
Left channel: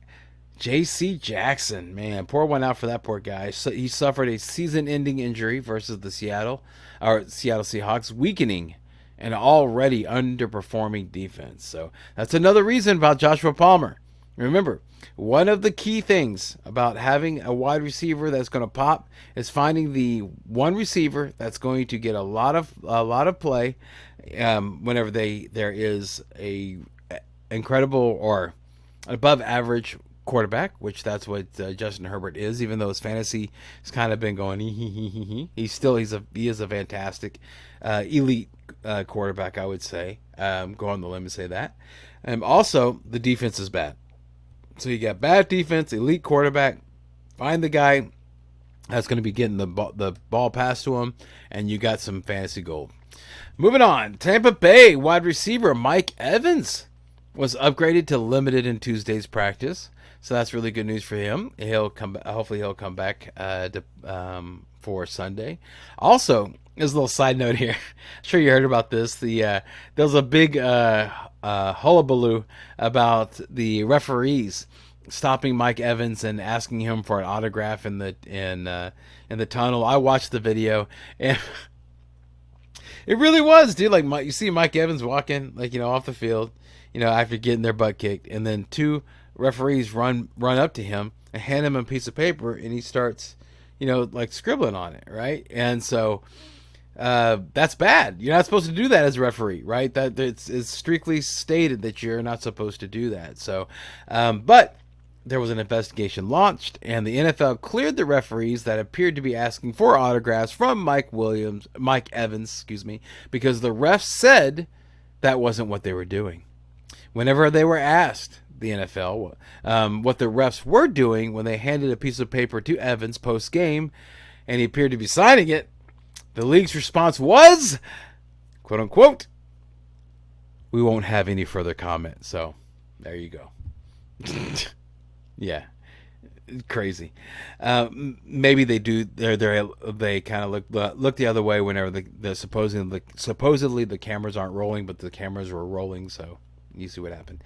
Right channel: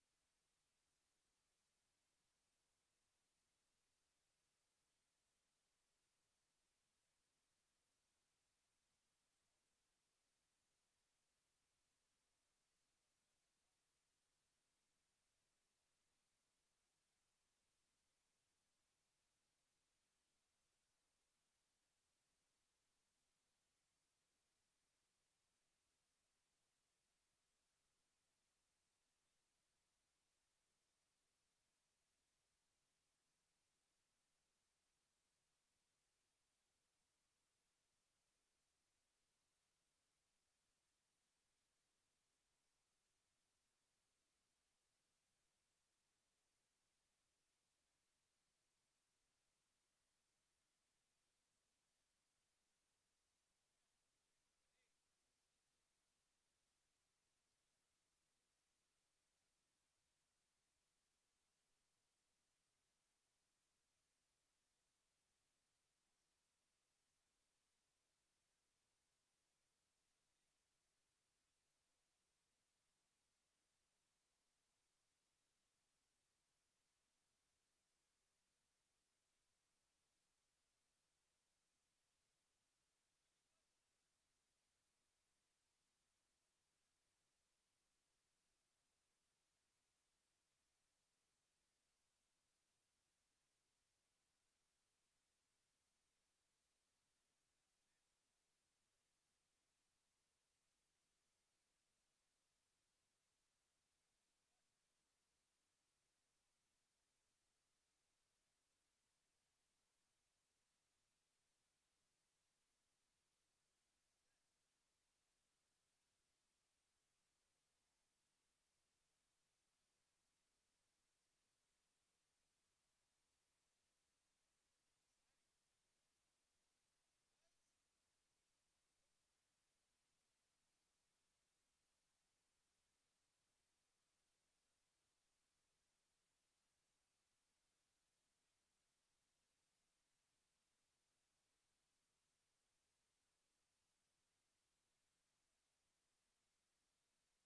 J.C. Jackson. Man, pour one out for that poor guy. So he suffered a season-ending injury versus the Seattle Seahawks, weakening an already underperforming defense. So that's another reason about Joshua Palmer. Remember, one of the key things about having a wide receiver that's going to pop is finding the one receiver that's going to get a lot of play whenever there is a incredible or above average quarterback, which that's what Justin Herbert is. Even though his fantasy has kind of been going, he is a fantastic elite quarterback, I would say. Go on the limb and say that. Also, the defense is bad. So you got bad defense, elite quarterback. Find the guy that's going to be getting the ball passed to him, and you got some fantasy gold. Moving on, Tampa Bay wide receiver Mike Evans was upgraded to limited in Tuesday's practice, so that's really good news for him. He'll come. Hopefully, he'll come back for Sunday. Also, as a little side note here, I'm sure you heard about this. There was a big hullabaloo about the referees stopping Mike Evans and asking him for an autograph in the tunnel. I watched the video and. It really was, dude. Like you see Mike Evans walking, off the field, after getting their butt kicked, and then two referees run up to him and hand him a piece of paper, and he starts, scribbling on it, right? And so that's bad. You're not supposed to do that as a referee, right? That it's strictly stated that you're not supposed to do that. So, but there was an investigation launched, and the NFL cleared the referees that appeared to be asking for autographs from Mike Evans, because the refs said that wasn't what they were doing. Whenever they were asked, the NFL, what the refs were doing when they handed a piece of paper to Evans post-game, and he appeared to be signing it, the league's response was, quote unquote, "We won't have any further comment." So, there you go. Yeah, crazy. Maybe they do. They kind of look the other way whenever the supposedly the cameras aren't rolling, but the cameras were rolling. So you see what happened.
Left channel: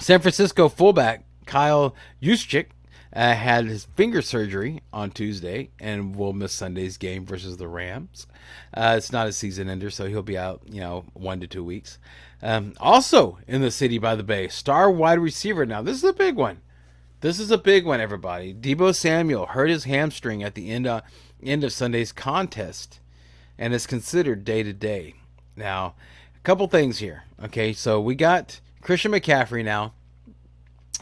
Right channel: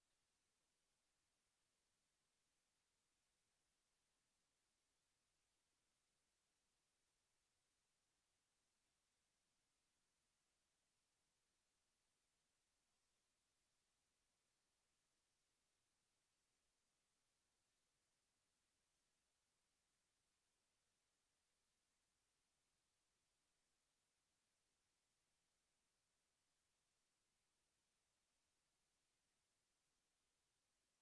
San Francisco fullback Kyle Juszczyk had his finger surgery on Tuesday and will miss Sunday's game versus the Rams. It's not a season ender, so he'll be out, 1 to 2 weeks. Also in the city by the bay, star wide receiver. Now, this is a big one. This is a big one, everybody. Deebo Samuel hurt his hamstring at the end of Sunday's contest and is considered day-to-day. Now, a couple things here. Okay, so we got Christian McCaffrey now.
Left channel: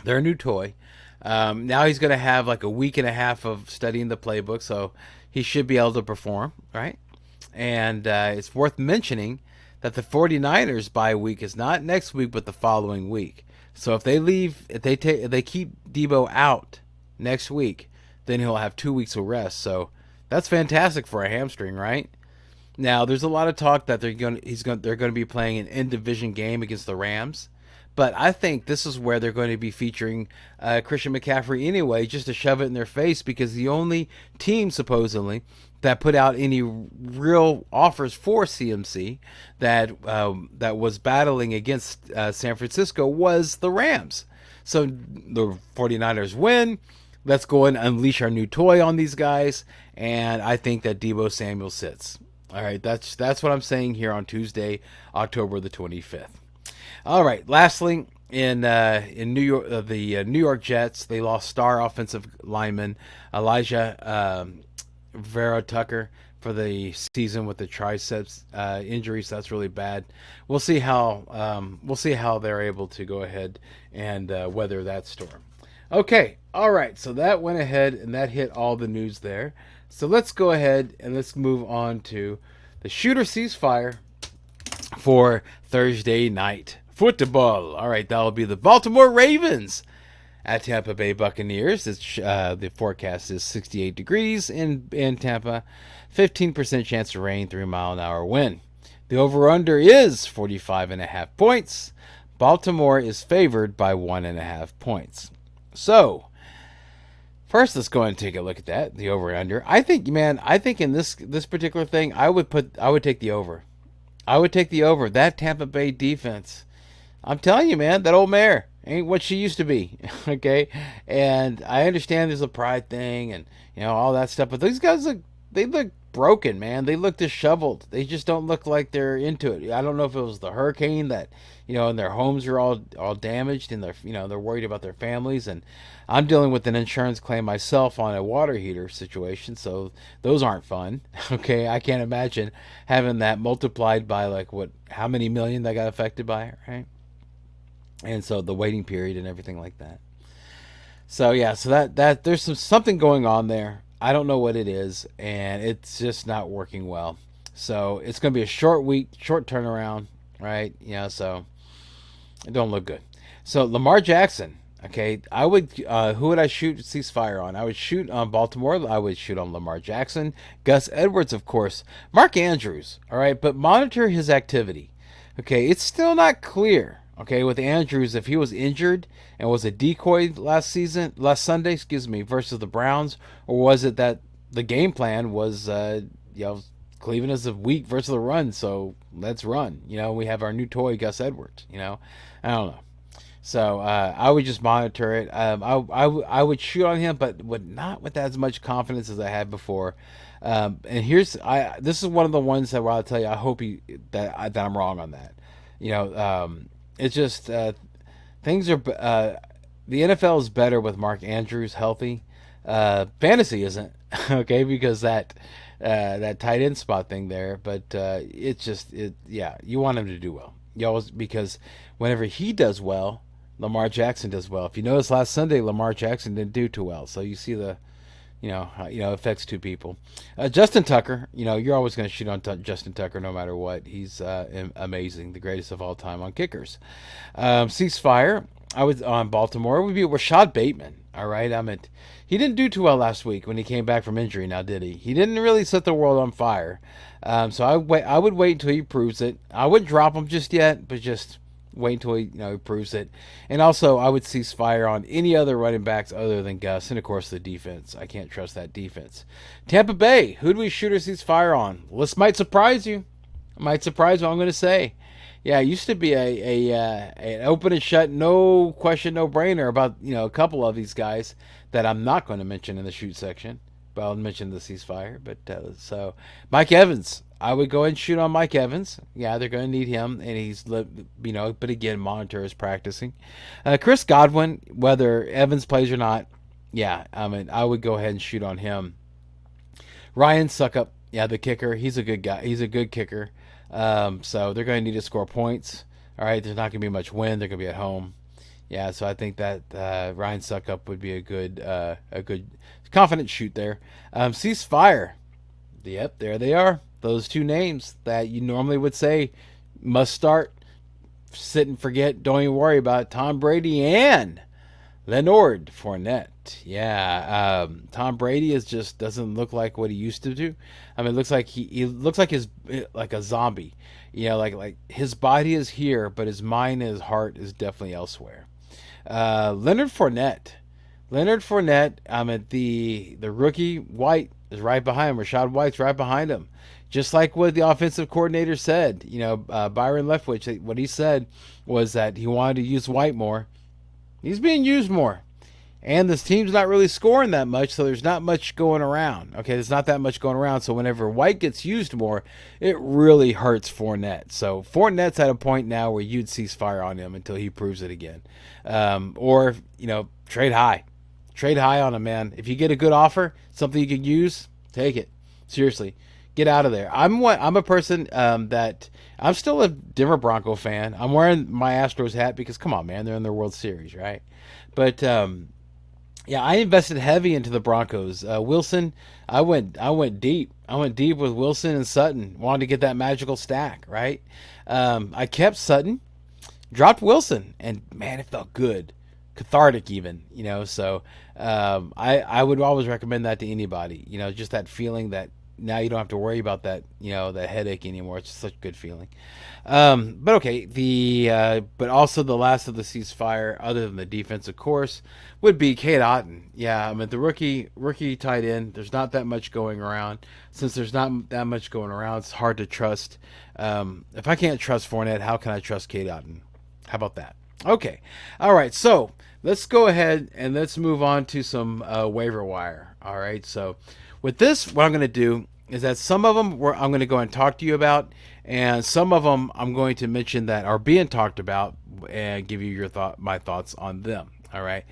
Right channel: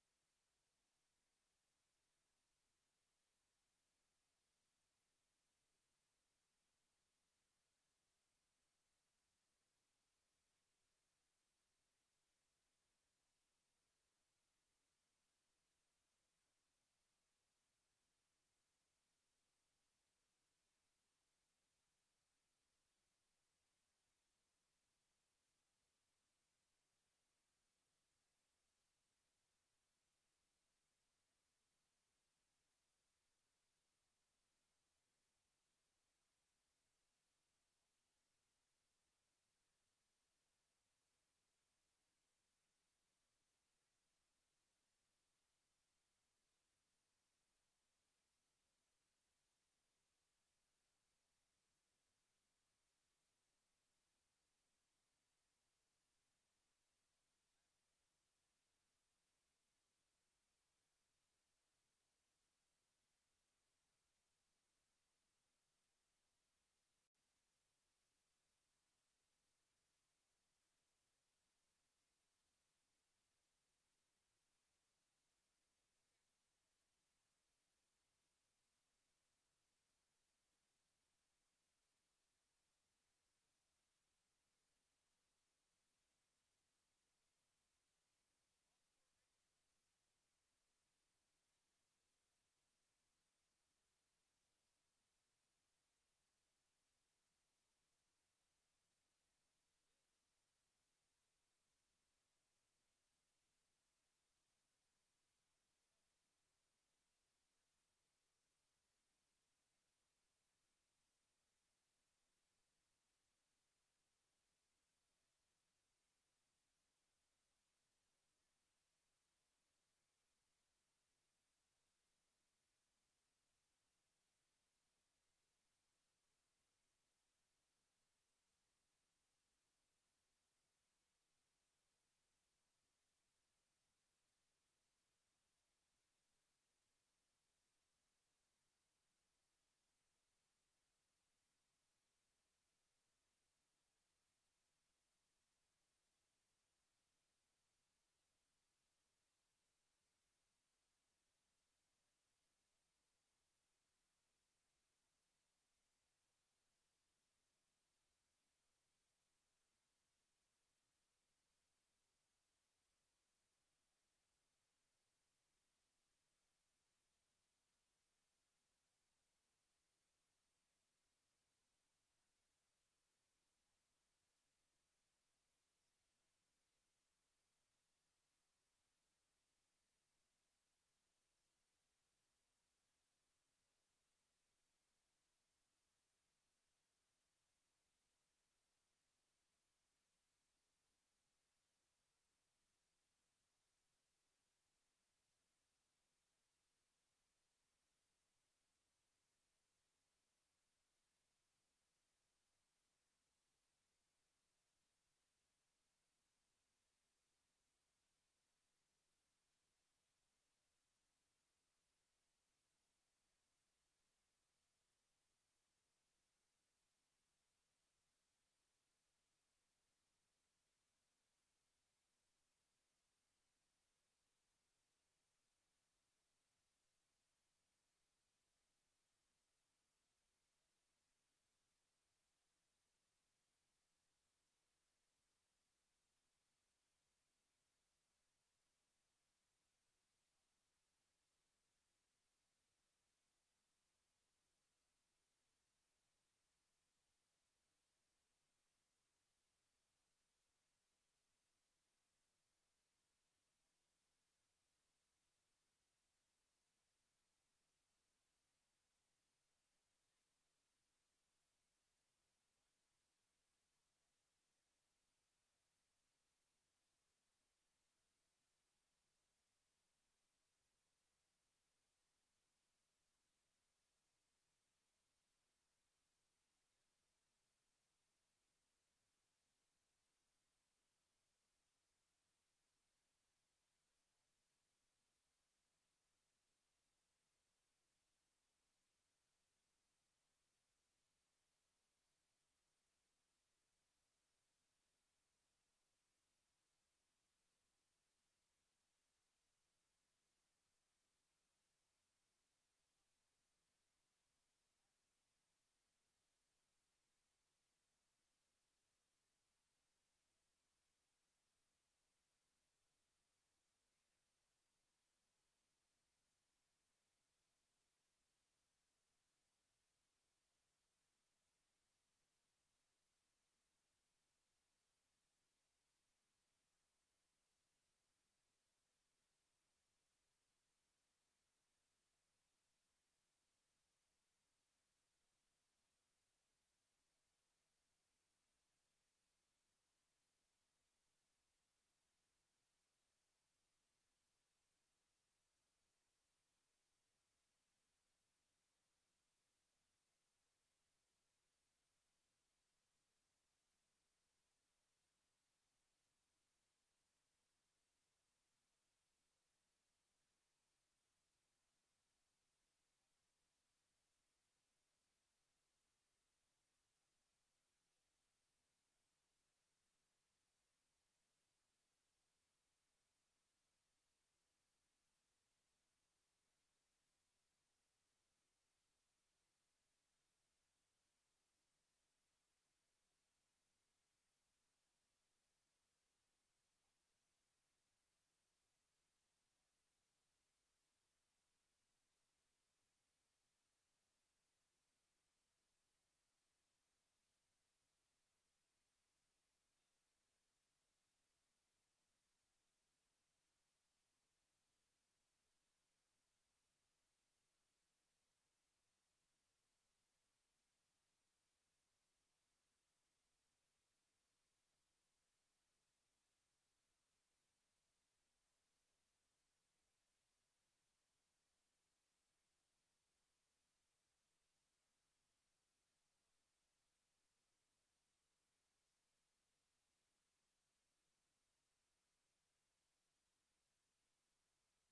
Their new toy. Now he's going to have like a week and a half of studying the playbook, so he should be able to perform, right? And it's worth mentioning that the 49ers bye week is not next week, but the following week. So if they keep Deebo out next week, then he'll have 2 weeks of rest. So that's fantastic for a hamstring, right? Now there's a lot of talk that they're going to be playing an in-division game against the Rams, but I think this is where they're going to be featuring Christian McCaffrey anyway, just to shove it in their face, because the only team supposedly that put out any real offers for CMC that was battling against San Francisco was the Rams. So the 49ers win. Let's go and unleash our new toy on these guys, and I think that Deebo Samuel sits. All right, that's what I'm saying here on Tuesday, October the 25th. All right, lastly, in New York, the New York Jets, they lost star offensive lineman Elijah Vera Tucker for the season with the triceps injuries. That's really bad. We'll see how they're able to go ahead and weather that storm. Okay, all right. So that went ahead and that hit all the news there. So let's go ahead and let's move on to the shooter ceasefire for Thursday night football. All right, that'll be the Baltimore Ravens at Tampa Bay Buccaneers. The forecast is 68 degrees in Tampa, 15% chance of rain, 3-mile-an-hour wind. The over-under is 45.5 points. Baltimore is favored by 1.5 points. So, first, let's go ahead and take a look at that, the over-under. I think in this particular thing, I would take the over. I would take the over. That Tampa Bay defense, I'm telling you, man, that old mare ain't what she used to be. Okay, and I understand there's a pride thing and all that stuff, but these guys look broken, man. They look disheveled. They just don't look like they're into it. I don't know if it was the hurricane that and their homes are all damaged, and they're worried about their families. And I'm dealing with an insurance claim myself on a water heater situation, so those aren't fun. Okay, I can't imagine having that multiplied by how many million that got affected by it, right? And so the waiting period and everything like that. So yeah, so that there's something going on there. I don't know what it is, and it's just not working well. So it's going to be a short week, short turnaround, right? So it don't look good. So Lamar Jackson Okay, I would. Who would I shoot ceasefire on? I would shoot on Baltimore. I would shoot on Lamar Jackson, Gus Edwards, of course, Mark Andrews. All right, but monitor his activity. Okay, it's still not clear. Okay, with Andrews, if he was injured and was a decoy last Sunday, excuse me, versus the Browns, or was it that the game plan was, Cleveland is a weak versus the run, so let's run. We have our new toy, Gus Edwards. I don't know. So I would just monitor it. I would shoot on him, but would not with as much confidence as I had before. And this is one of the ones that where I'll tell you I hope that I'm wrong on that. It's just things are the NFL is better with Mark Andrews healthy. Fantasy isn't okay because that tight end spot thing there, but you want him to do well. You always because whenever he does well, Lamar Jackson does well. If you notice last Sunday, Lamar Jackson didn't do too well. So you see affects two people. Justin Tucker, you're always going to shoot on Justin Tucker no matter what. He's amazing, the greatest of all time on kickers. Ceasefire, I was on Baltimore. Would be Rashad Bateman. All right, he didn't do too well last week when he came back from injury. Now did he? He didn't really set the world on fire. So I would wait until he proves it. I wouldn't drop him just yet, but just wait until he proves it. And also, I would cease fire on any other running backs other than Gus, and of course the defense. I can't trust that defense. Tampa Bay, who do we shoot or cease fire on? Well, this might surprise you. It might surprise what I'm going to say. Yeah, it used to be an open and shut, no question, no brainer about a couple of these guys that I'm not going to mention in the shoot section. But I'll mention the ceasefire. But so Mike Evans, I would go ahead and shoot on Mike Evans. Yeah, they're going to need him, and he's but again, monitor his practicing. Chris Godwin, whether Evans plays or not, yeah, I would go ahead and shoot on him. Ryan Suckup, yeah, the kicker, he's a good guy. He's a good kicker. So they're going to need to score points. All right, there's not going to be much wind. They're going to be at home. Yeah, so I think that Ryan Suckup would be a good confident shoot there. Ceasefire. Yep, there they are. Those two names that you normally would say must start. Sit and forget. Don't even worry about it. Tom Brady and Leonard Fournette. Yeah, Tom Brady just doesn't look like what he used to do. It looks like he looks like like a zombie. Like his body is here, but his mind and his heart is definitely elsewhere. Leonard Fournette. The rookie White is right behind him. Rashad White's right behind him. Just like what the offensive coordinator said, Byron Leftwich, what he said was that he wanted to use White more. He's being used more. And this team's not really scoring that much, so there's not much going around. Okay, there's not that much going around. So whenever White gets used more, it really hurts Fournette. So Fournette's at a point now where you'd cease fire on him until he proves it again. Or trade high. Trade high on him, man. If you get a good offer, something you can use, take it. Seriously. Get out of there. I'm a person that I'm still a Denver Bronco fan. I'm wearing my Astros hat because come on, man, they're in their World Series, right? But I invested heavy into the Broncos. Wilson, I went deep. I went deep with Wilson and Sutton. Wanted to get that magical stack, right? I kept Sutton, dropped Wilson, and man, it felt good, cathartic even. So I would always recommend that to anybody. Just that feeling that. Now you don't have to worry about that, that headache anymore. It's such a good feeling. But okay, but also the last of the ceasefire, other than the defense, of course, would be Cade Otton. Yeah, the rookie tight end. There's not that much going around. Since there's not that much going around, it's hard to trust. If I can't trust Fournette, how can I trust Cade Otton? How about that? Okay, all right. So let's go ahead and let's move on to some waiver wire. All right, so. With this, what I'm going to do is that some of them I'm going to go and talk to you about, and some of them I'm going to mention that are being talked about and give you my thoughts on them. All right.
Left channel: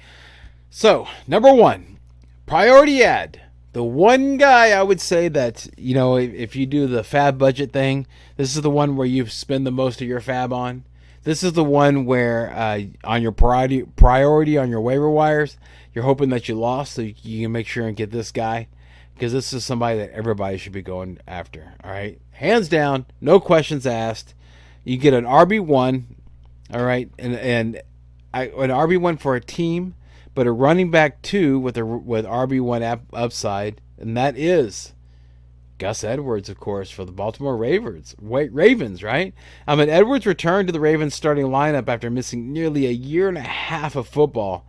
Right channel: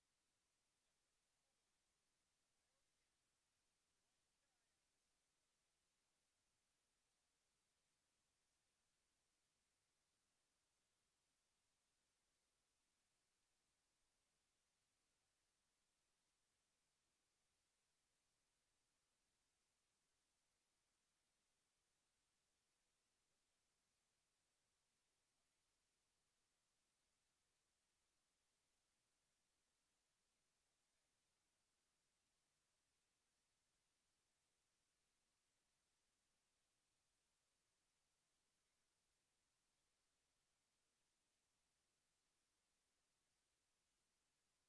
So, number one, priority ad. The one guy I would say that, if you do the fab budget thing, this is the one where you spend the most of your fab on. This is the one where on your priority on your waiver wires, you're hoping that you lost so you can make sure and get this guy. Because this is somebody that everybody should be going after. All right. Hands down, no questions asked. You get an RB1. All right. And an RB1 for a team, but a running back 2 with RB1 upside, and that is Gus Edwards, of course, for the Baltimore Ravens. Ravens, right? Edwards returned to the Ravens starting lineup after missing nearly a year and a half of football,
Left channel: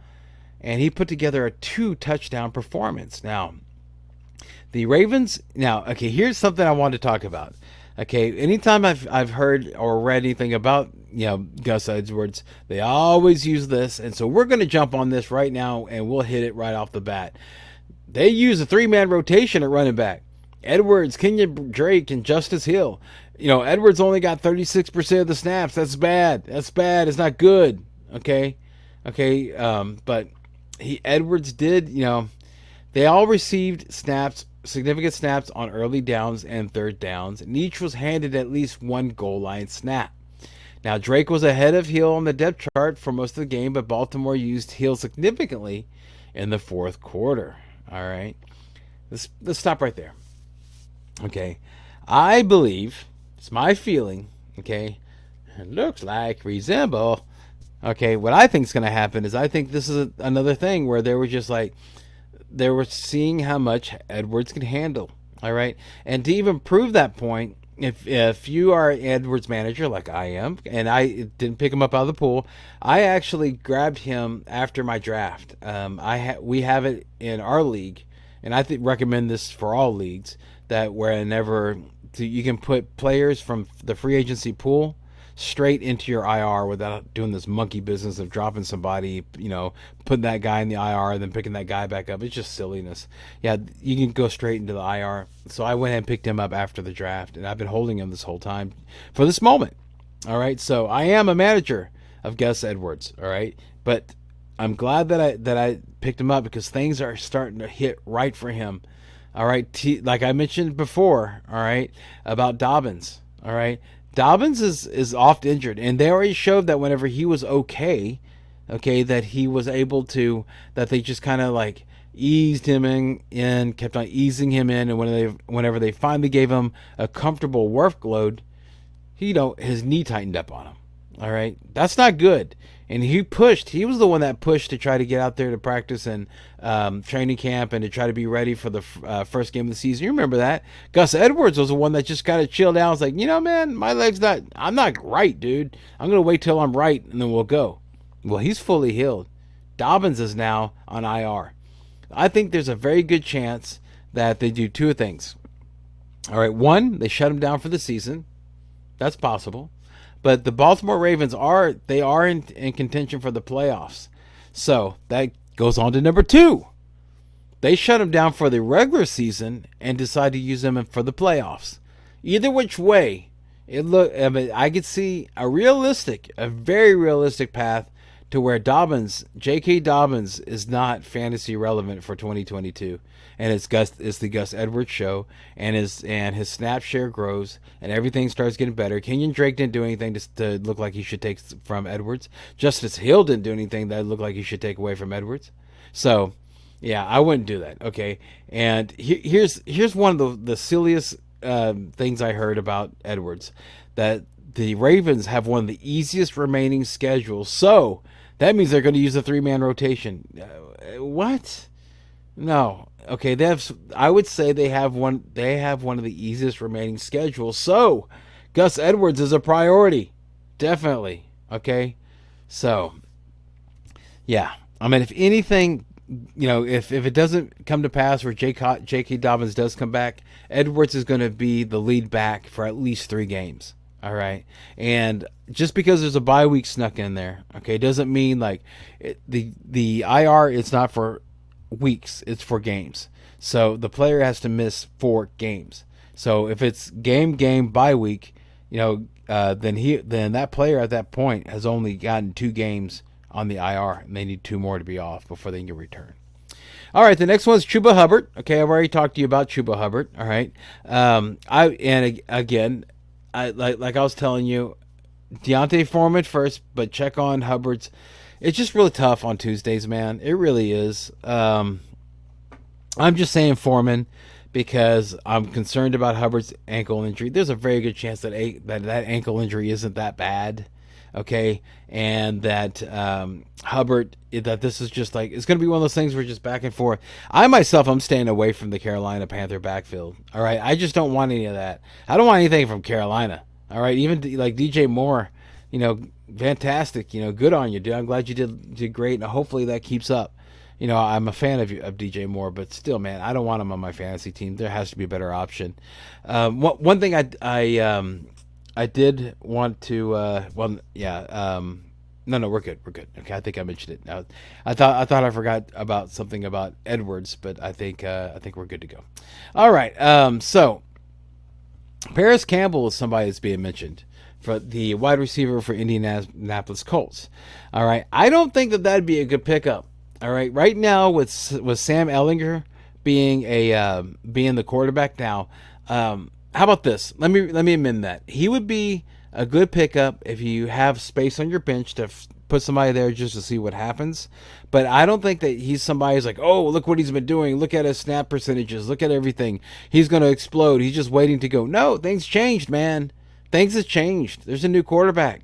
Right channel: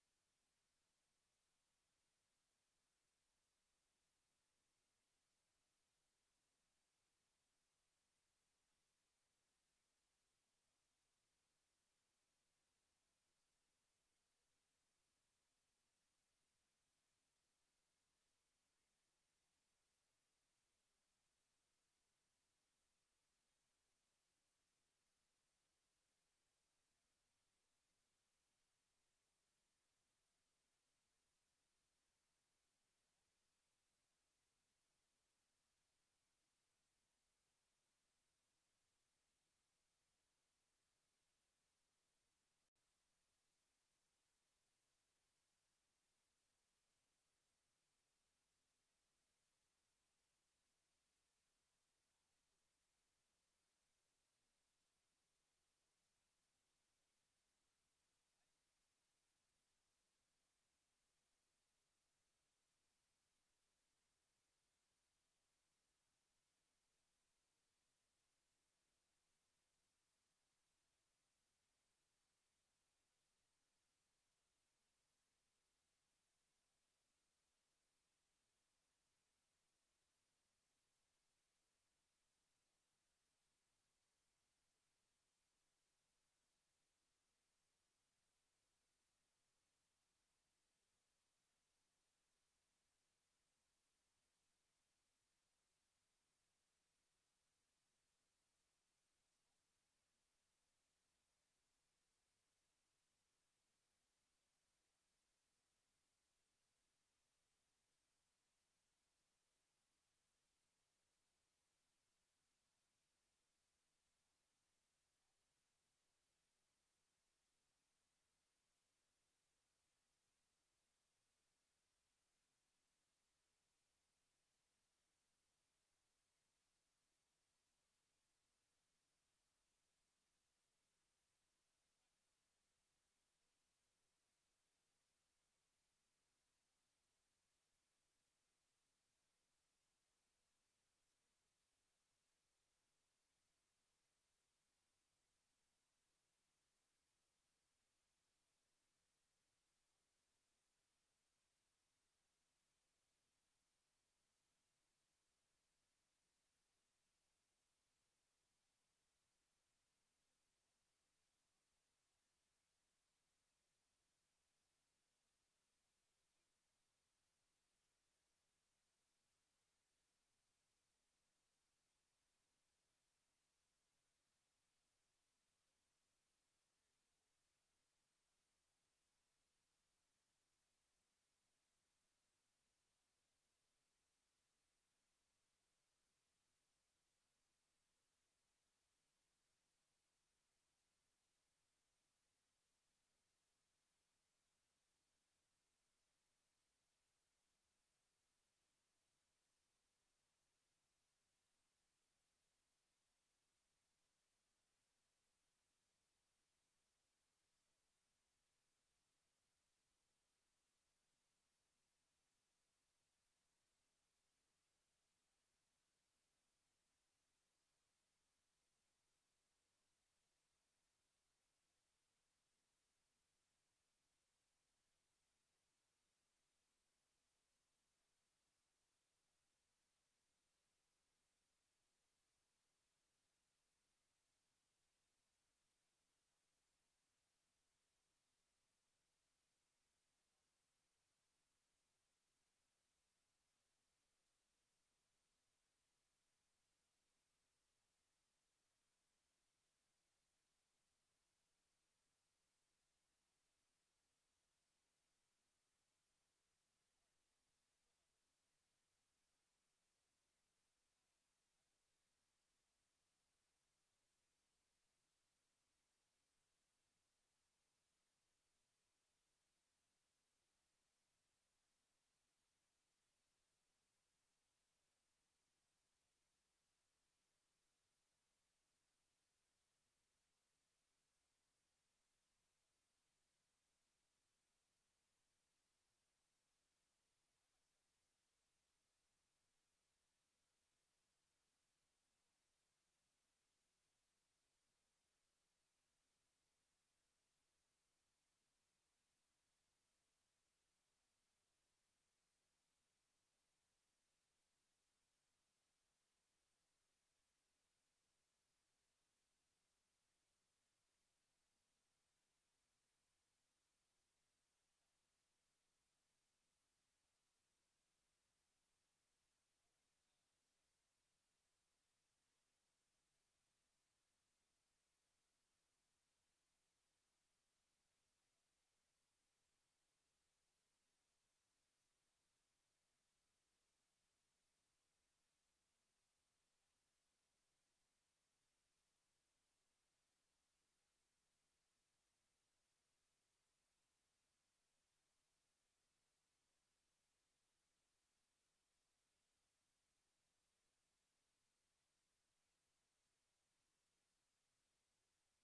and he put together a 2-touchdown performance. Now, the Ravens. Now, okay, here's something I want to talk about. Okay, anytime I've heard or read anything about Gus Edwards, they always use this, and so we're going to jump on this right now, and we'll hit it right off the bat. They use a 3-man rotation at running back. Edwards, Kenyon Drake, and Justice Hill. Edwards only got 36% of the snaps. That's bad. That's bad. It's not good. Okay. But Edwards did. They all received significant snaps on early downs and third downs, and each was handed at least one goal line snap. Now, Drake was ahead of Hill on the depth chart for most of the game, but Baltimore used Hill significantly in the fourth quarter. All right. Let's stop right there. Okay. I believe, it's my feeling, okay, it looks like resemble. Okay, what I think is going to happen is I think this is another thing where they were seeing how much Edwards can handle. All right. And to even prove that point, if you are an Edwards manager like I am, and I didn't pick him up out of the pool, I actually grabbed him after my draft. We have it in our league, and I recommend this for all leagues, that whenever you can put players from the free agency pool straight into your IR without doing this monkey business of dropping somebody, putting that guy in the IR and then picking that guy back up. It's just silliness. Yeah, you can go straight into the IR. So I went ahead and picked him up after the draft, and I've been holding him this whole time for this moment. All right, so I am a manager of Gus Edwards. All right, but I'm glad that I picked him up because things are starting to hit right for him. All right, like I mentioned before. All right, about Dobbins. All right. Dobbins is oft injured, and they already showed that whenever he was okay, that he was able to, that they just kind of like eased him in, kept on easing him in, and whenever they finally gave him a comfortable workload, his knee tightened up on him. All right, that's not good. And he was the one that pushed to try to get out there to practice and training camp and to try to be ready for the first game of the season. You remember that? Gus Edwards was the one that just kind of chilled out. I was like, man, I'm not right, dude. I'm going to wait till I'm right and then we'll go. Well, he's fully healed. Dobbins is now on IR. I think there's a very good chance that they do two things. All right, one, they shut him down for the season. That's possible. But the Baltimore Ravens are in contention for the playoffs. So that goes on to number two. They shut him down for the regular season and decide to use him for the playoffs. Either which way, I could see a very realistic path to where J.K. Dobbins is not fantasy relevant for 2022. And it's the Gus Edwards show, and his snap share grows, and everything starts getting better. Kenyon Drake didn't do anything to look like he should take from Edwards. Justice Hill didn't do anything that looked like he should take away from Edwards. So, yeah, I wouldn't do that. Okay, and here's one of the silliest things I heard about Edwards, that the Ravens have one of the easiest remaining schedules. So that means they're going to use a 3-man rotation. What? No. Okay, I would say they have one of the easiest remaining schedules. So, Gus Edwards is a priority. Definitely. Okay? So, yeah. If anything, if it doesn't come to pass where J.K. Dobbins does come back, Edwards is going to be the lead back for at least 3 games. All right? And just because there's a bye week snuck in there, okay, doesn't mean the IR is not for weeks, it's for games. So the player has to miss 4 games. So if it's game bye week, then that player at that point has only gotten 2 games on the IR, and they need 2 more to be off before they can return. All right, the next one is Chuba Hubbard. Okay, I've already talked to you about Chuba Hubbard. All right, like I was telling you, Deontay Foreman first, but check on Hubbard's. It's just really tough on Tuesdays, man. It really is. I'm just saying Foreman because I'm concerned about Hubbard's ankle injury. There's a very good chance that ankle injury isn't that bad. okay, and that Hubbard, that this is just like, it's going to be one of those things where just back and forth. I myself, I'm staying away from the Carolina Panther backfield. All right, I just don't want any of that. I don't want anything from Carolina. All right, even like DJ Moore, fantastic. Good on you, dude. I'm glad you did great, and hopefully that keeps up. I'm a fan of DJ Moore, but still, man, I don't want him on my fantasy team. There has to be a better option. One thing I did want to no, we're good. Okay, I think I mentioned it. Now, I thought I forgot about something about Edwards, but I think we're good to go. All right. So Paris Campbell is somebody that's being mentioned for the wide receiver for Indianapolis Colts. All right. I don't think that'd be a good pickup. All right. Right now with Sam Ehlinger being the quarterback now, how about this? Let me amend that. He would be a good pickup if you have space on your bench to put somebody there just to see what happens. But I don't think that he's somebody who's like, oh, look what he's been doing. Look at his snap percentages. Look at everything. He's going to explode. He's just waiting to go. No, things changed, man. Things have changed. There's a new quarterback.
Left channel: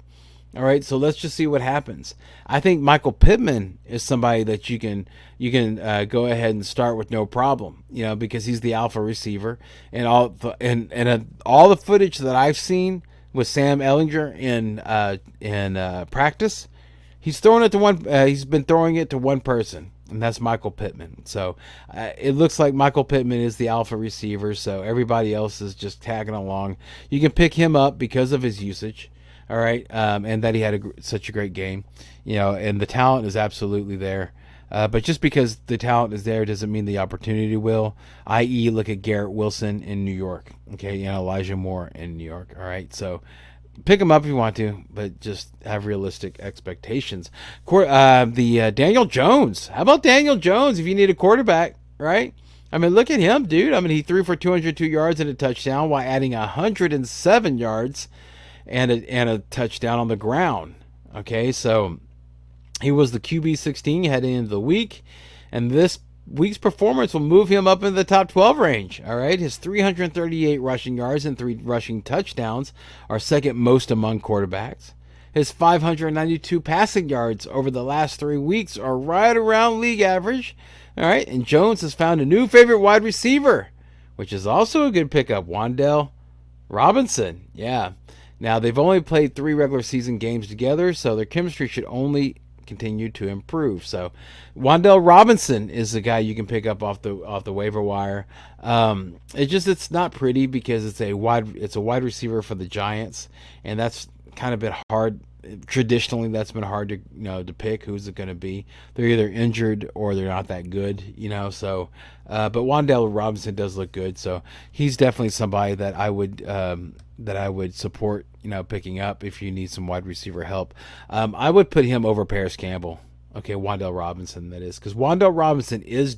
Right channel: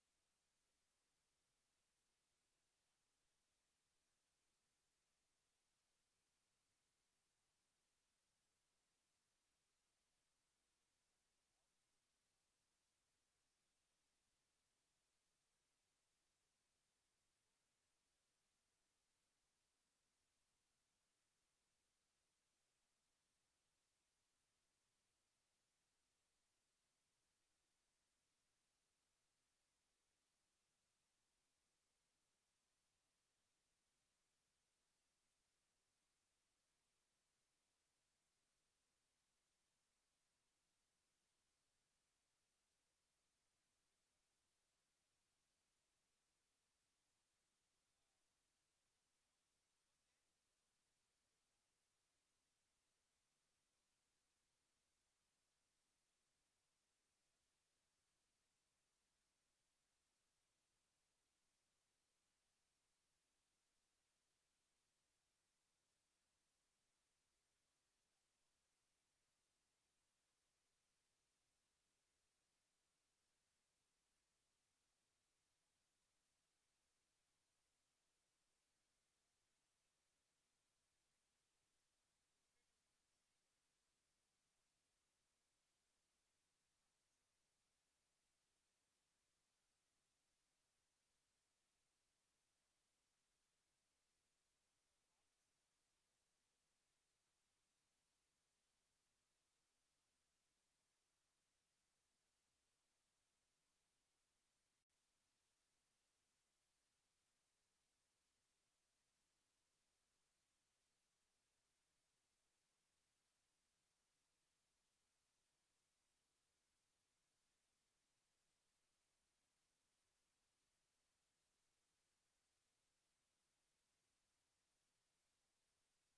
All right, so let's just see what happens. I think Michael Pittman is somebody that you can go ahead and start with no problem, because he's the alpha receiver, and all the footage that I've seen with Sam Ehlinger in practice, he's throwing it to one. He's been throwing it to one person, and that's Michael Pittman. So it looks like Michael Pittman is the alpha receiver. So everybody else is just tagging along. You can pick him up because of his usage. All right, and that he had such a great game, and the talent is absolutely there. But just because the talent is there doesn't mean the opportunity will. I.e., look at Garrett Wilson in New York, okay, Elijah Moore in New York. All right, so pick him up if you want to, but just have realistic expectations. Daniel Jones. How about Daniel Jones if you need a quarterback, right? I mean, look at him, dude. I mean, he threw for 202 yards and a touchdown while adding 107 yards and a touchdown on the ground. Okay, so he was the QB 16 heading into the week, and this week's performance will move him up into the top 12 range. All right, his 338 rushing yards and 3 rushing touchdowns are second most among quarterbacks. His 592 passing yards over the last 3 weeks are right around league average. All right, and Jones has found a new favorite wide receiver, which is also a good pickup, Wan'Dale Robinson. Yeah. Now, they've only played 3 regular season games together, so their chemistry should only continue to improve. So, Wan'Dale Robinson is the guy you can pick up off the waiver wire. It's not pretty because it's a wide receiver for the Giants, and that's kind of been hard. Traditionally, that's been hard to pick who's it going to be. They're either injured or they're not that good, So, but Wan'Dale Robinson does look good, so he's definitely somebody that I would support, picking up if you need some wide receiver help. I would put him over Paris Campbell. Okay, Wan'Dale Robinson, that is, because Wan'Dale Robinson is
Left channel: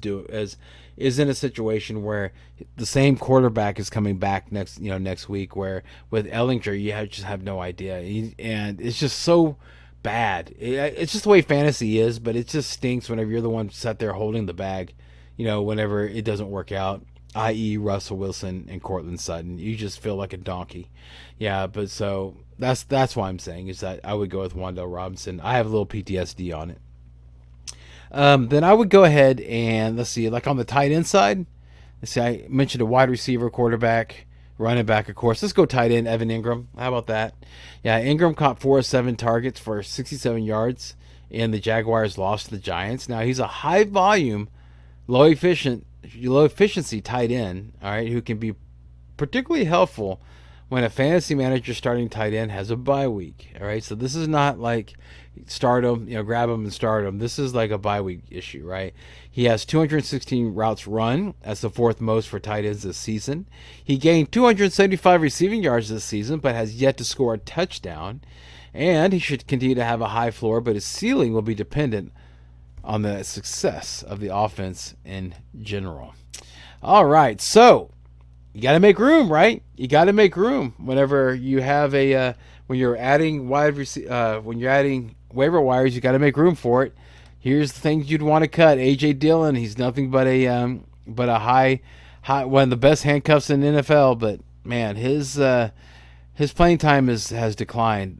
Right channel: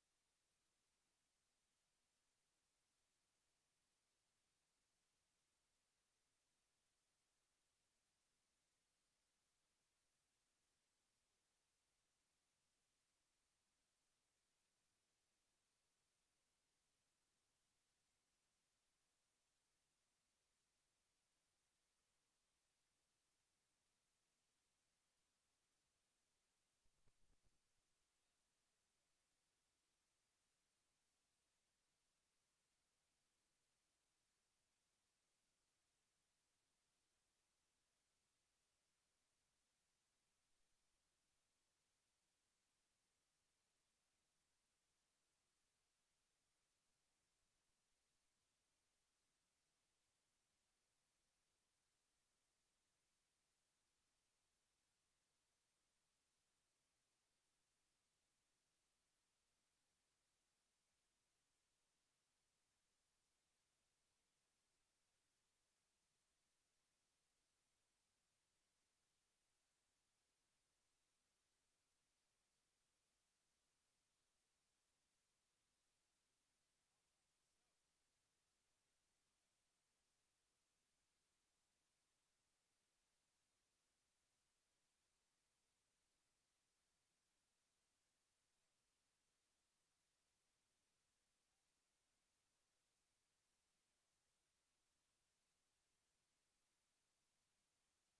in a situation where the same quarterback is coming back next week. Where with Ehlinger, you just have no idea, and it's just so bad. It's just the way fantasy is, but it just stinks whenever you're the one sat there holding the bag. Whenever it doesn't work out, i.e. Russell Wilson and Cortland Sutton, you just feel like a donkey. Yeah, but so that's why I'm saying is that I would go with Wan'Dale Robinson. I have a little PTSD on it. Then I would go ahead and let's see, like on the tight end side, let's see, I mentioned a wide receiver, quarterback, running back, of course. Let's go tight end, Evan Ingram. How about that? Yeah, Ingram caught 4 of 7 targets for 67 yards, and the Jaguars lost to the Giants. Now he's a high volume, low efficiency tight end, all right, who can be particularly helpful when a fantasy manager starting tight end has a bye week. All right, so this is not like start him, grab him and start him. This is like a bye week issue, right? He has 216 routes run. That's the 4th most for tight ends this season. He gained 275 receiving yards this season, but has yet to score a touchdown. And he should continue to have a high floor, but his ceiling will be dependent on the success of the offense in general. All right, so you got to make room, right? You got to make room whenever you have when you're adding when you're adding waiver wires, you got to make room for it. Here's the things you'd want to cut. A.J. Dillon, he's nothing but a high one of the best handcuffs in the NFL, but man, his playing time has declined.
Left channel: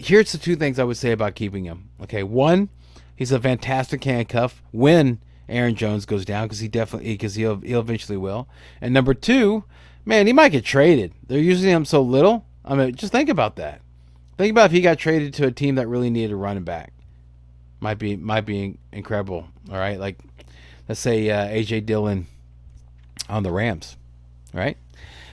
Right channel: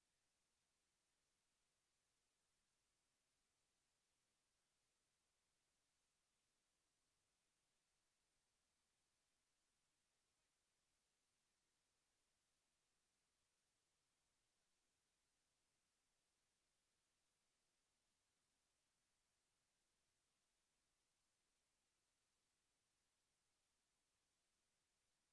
here's the two things I would say about keeping him. Okay, one, he's a fantastic handcuff when Aaron Jones goes down, because he'll eventually will. And number two, man, he might get traded. They're using him so little. I mean, just think about that. Think about if he got traded to a team that really needed a running back. Might be incredible. All right, like let's say AJ Dillon on the Rams, right?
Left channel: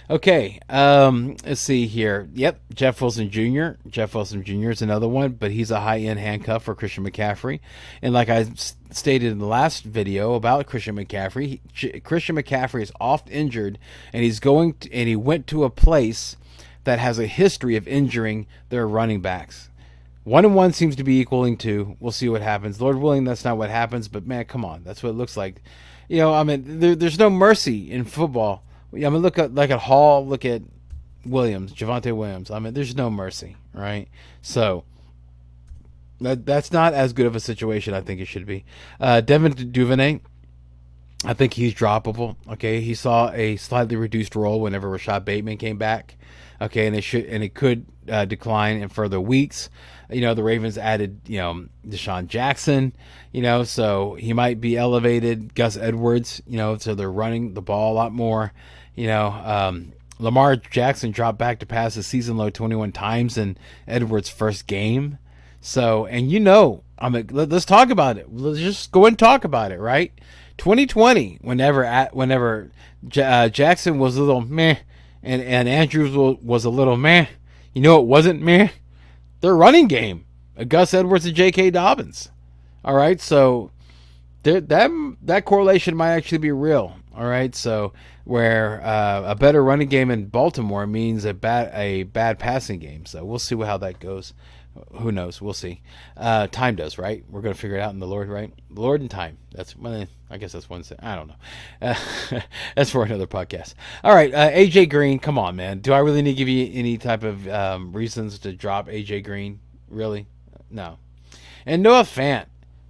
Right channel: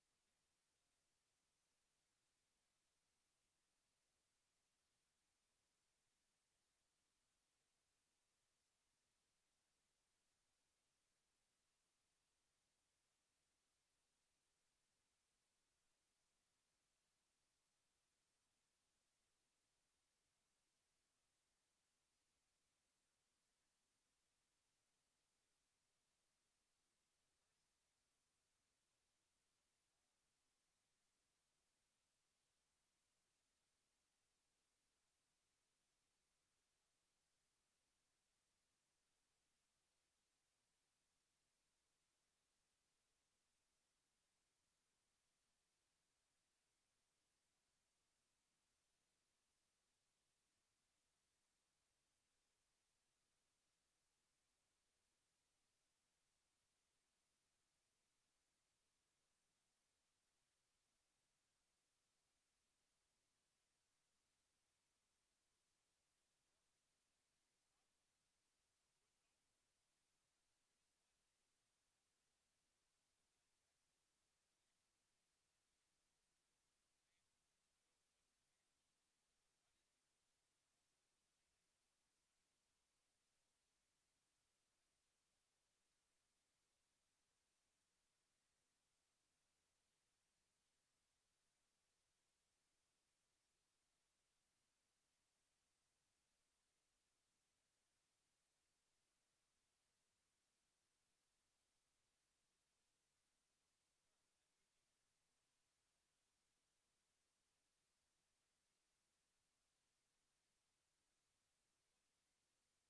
Okay, let's see here. Yep, Jeff Wilson Jr. Jeff Wilson Jr. is another one, but he's a high-end handcuff for Christian McCaffrey. And like I stated in the last video about Christian McCaffrey, Christian McCaffrey is oft injured, and he went to a place that has a history of injuring their running backs. 1-1 seems to be equaling 2. We'll see what happens. Lord willing, that's not what happens, but man, come on, that's what it looks like. You know, I mean, there's no mercy in football. I mean, look at Hall, look at Williams, Javonte Williams. I mean, there's no mercy, right? So that's not as good of a situation I think it should be. Devin Duvernay, I think he's droppable. Okay, he saw a slightly reduced role whenever Rashad Bateman came back. Okay, and it could decline in further weeks. You know, the Ravens added, Deshaun Jackson, so he might be elevated. Gus Edwards, so they're running the ball a lot more. Lamar Jackson dropped back to pass a season low 21 times in Edwards' first game. So, and I mean, let's talk about it. Let's just go and talk about it, right? 2020, whenever Jackson was a little meh, and Andrews was a little meh, it wasn't meh? Their running game, Gus Edwards and J.K. Dobbins. All right, so that correlation might actually be real. All right, so where a better running game in Baltimore means a bad passing game. So we'll see how that goes. Who knows? We'll see. Time does, right? We're going to figure it out in the Lord, right? The Lord and time. I guess that's one thing. I don't know. That's for another podcast. All right, AJ Green. Come on, man. Do I really need to give you any type of reasons to drop AJ Green? Really? No. And Noah Fant.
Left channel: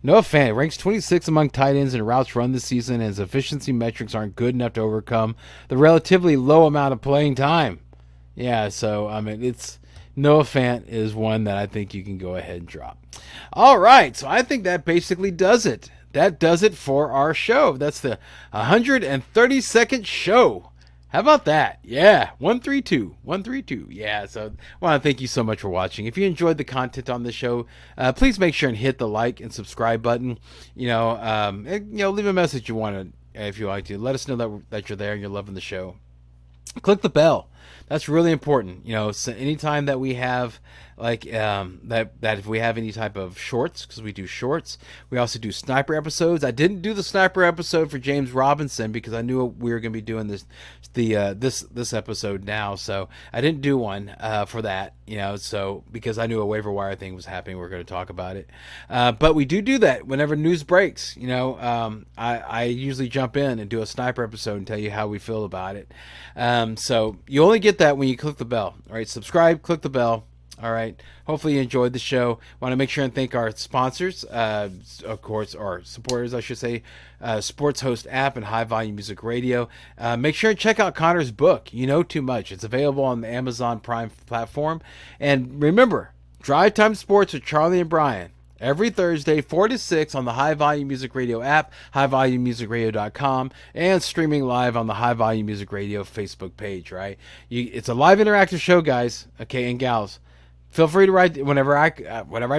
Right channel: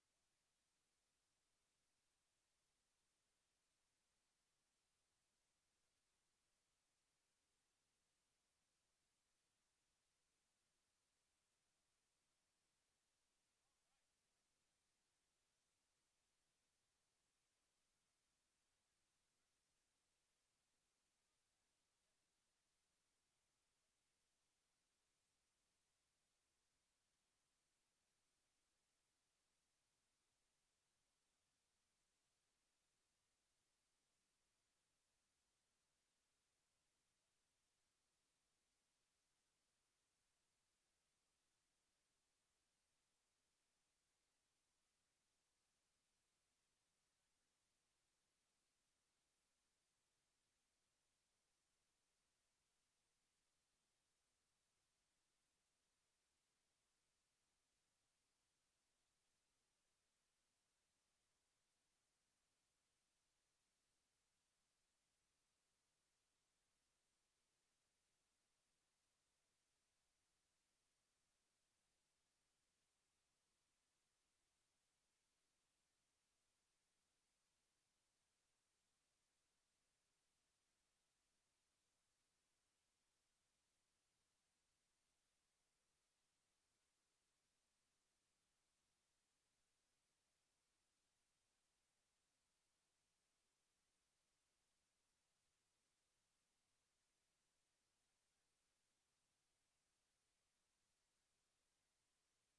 Noah Fant ranks 26 among tight ends in routes run this season, and his efficiency metrics aren't good enough to overcome the relatively low amount of playing time. Yeah, so, I mean, Noah Fant is one that I think you can go ahead and drop. All right, so I think that basically does it. That does it for our show. That's the 132nd show. How about that? Yeah, 132. Yeah, so I want to thank you so much for watching. If you enjoyed the content on the show, please make sure and hit the like and subscribe button. Leave a message if you like to. Let us know that you're there and you're loving the show. Click the bell. That's really important. So anytime that we have that if we have any type of shorts, because we do shorts, we also do sniper episodes. I didn't do the sniper episode for James Robinson because I knew we were going to be doing this episode now, so I didn't do one for that. So because I knew a waiver wire thing was happening, we're going to talk about it. But we do that whenever news breaks. I usually jump in and do a sniper episode and tell you how we feel about it. So you only get that when you click the bell. All right, subscribe, click the bell. All right. Hopefully you enjoyed the show. Want to make sure and thank our sponsors, of course, or supporters, I should say, Sports Host app and High Volume Music Radio. Make sure and check out Connor's book, You Know Too Much. It's available on the Amazon Prime platform. And remember, Drive Time Sports with Charlie and Brian. Every Thursday, 4 to 6 on the High Volume Music Radio app, highvolumemusicradio.com, and streaming live on the High Volume Music Radio Facebook page, right? It's a live interactive show, guys, okay, and gals. Feel free to write whenever I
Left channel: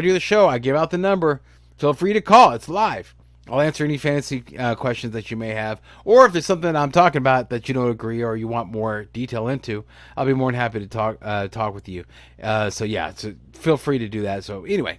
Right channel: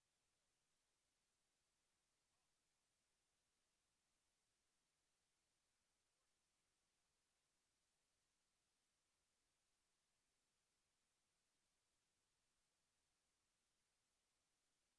do the show. I give out the number. Feel free to call. It's live. I'll answer any fancy questions that you may have, or if there's something I'm talking about that you don't agree or you want more detail into, I'll be more than happy to talk with you. So feel free to do that. So anyway,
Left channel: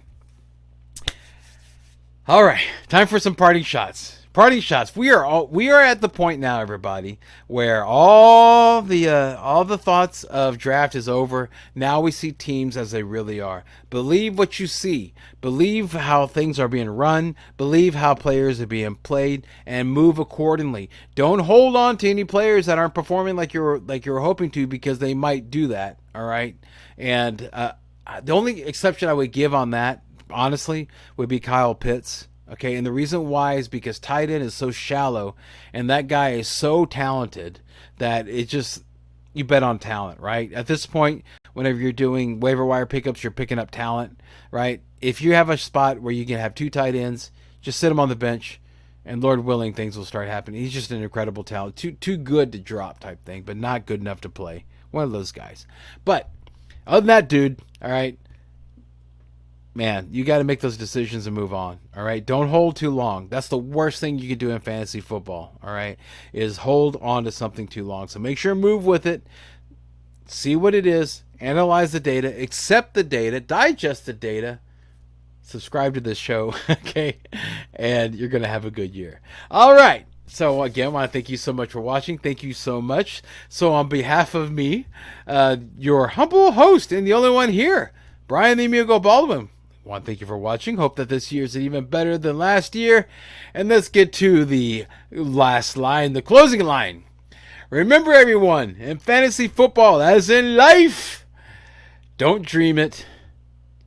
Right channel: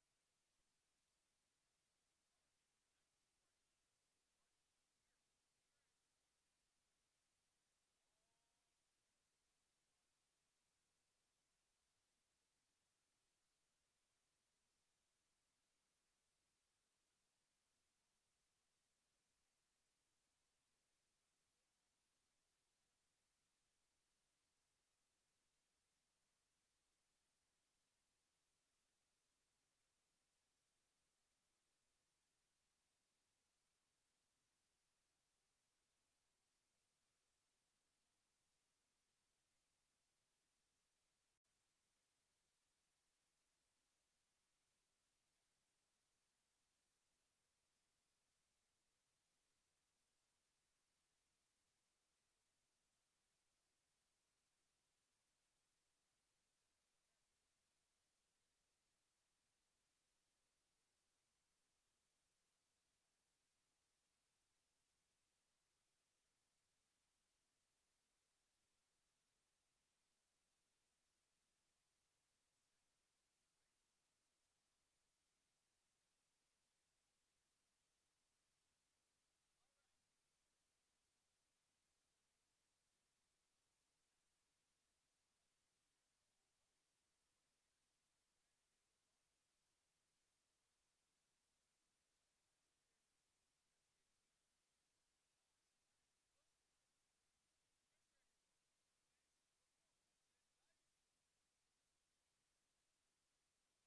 all right, time for some parting shots. Parting shots. We are at the point now, everybody, where all the thoughts of draft is over. Now we see teams as they really are. Believe what you see. Believe how things are being run. Believe how players are being played, and move accordingly. Don't hold on to any players that aren't performing like you're hoping to, because they might do that. All right, and the only exception I would give on that, honestly, would be Kyle Pitts. Okay, and the reason why is because tight end is so shallow, and that guy is so talented that you bet on talent, right? At this point, whenever you're doing waiver wire pickups, you're picking up talent, right? If you have a spot where you can have 2 tight ends, just sit them on the bench, and Lord willing, things will start happening. He's just an incredible talent. Too good to drop type thing, but not good enough to play. One of those guys. But other than that, dude, all right, man, you got to make those decisions and move on. All right, don't hold too long. That's the worst thing you can do in fantasy football. All right, is hold on to something too long. So make sure move with it. See what it is. Analyze the data. Accept the data. Digest the data. Subscribe to this show, okay? And you're going to have a good year. All right. So, again, I want to thank you so much for watching. Thank you so much. So, on behalf of me, your humble host and the only one here, Brian the Amigo Baldwin, I want to thank you for watching. Hope that this year is even better than last year. And let's get to the last line, the closing line. Remember, everyone, in fantasy football, as in life, don't dream it.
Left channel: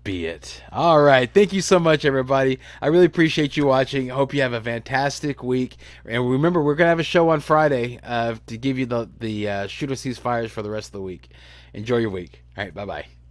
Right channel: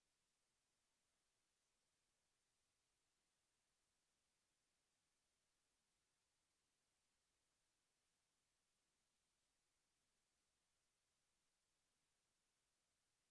Be it. All right. Thank you so much, everybody. I really appreciate you watching. I hope you have a fantastic week. And remember, we're going to have a show on Friday to give you the shoot us these fires for the rest of the week. Enjoy your week. All right. Bye-bye.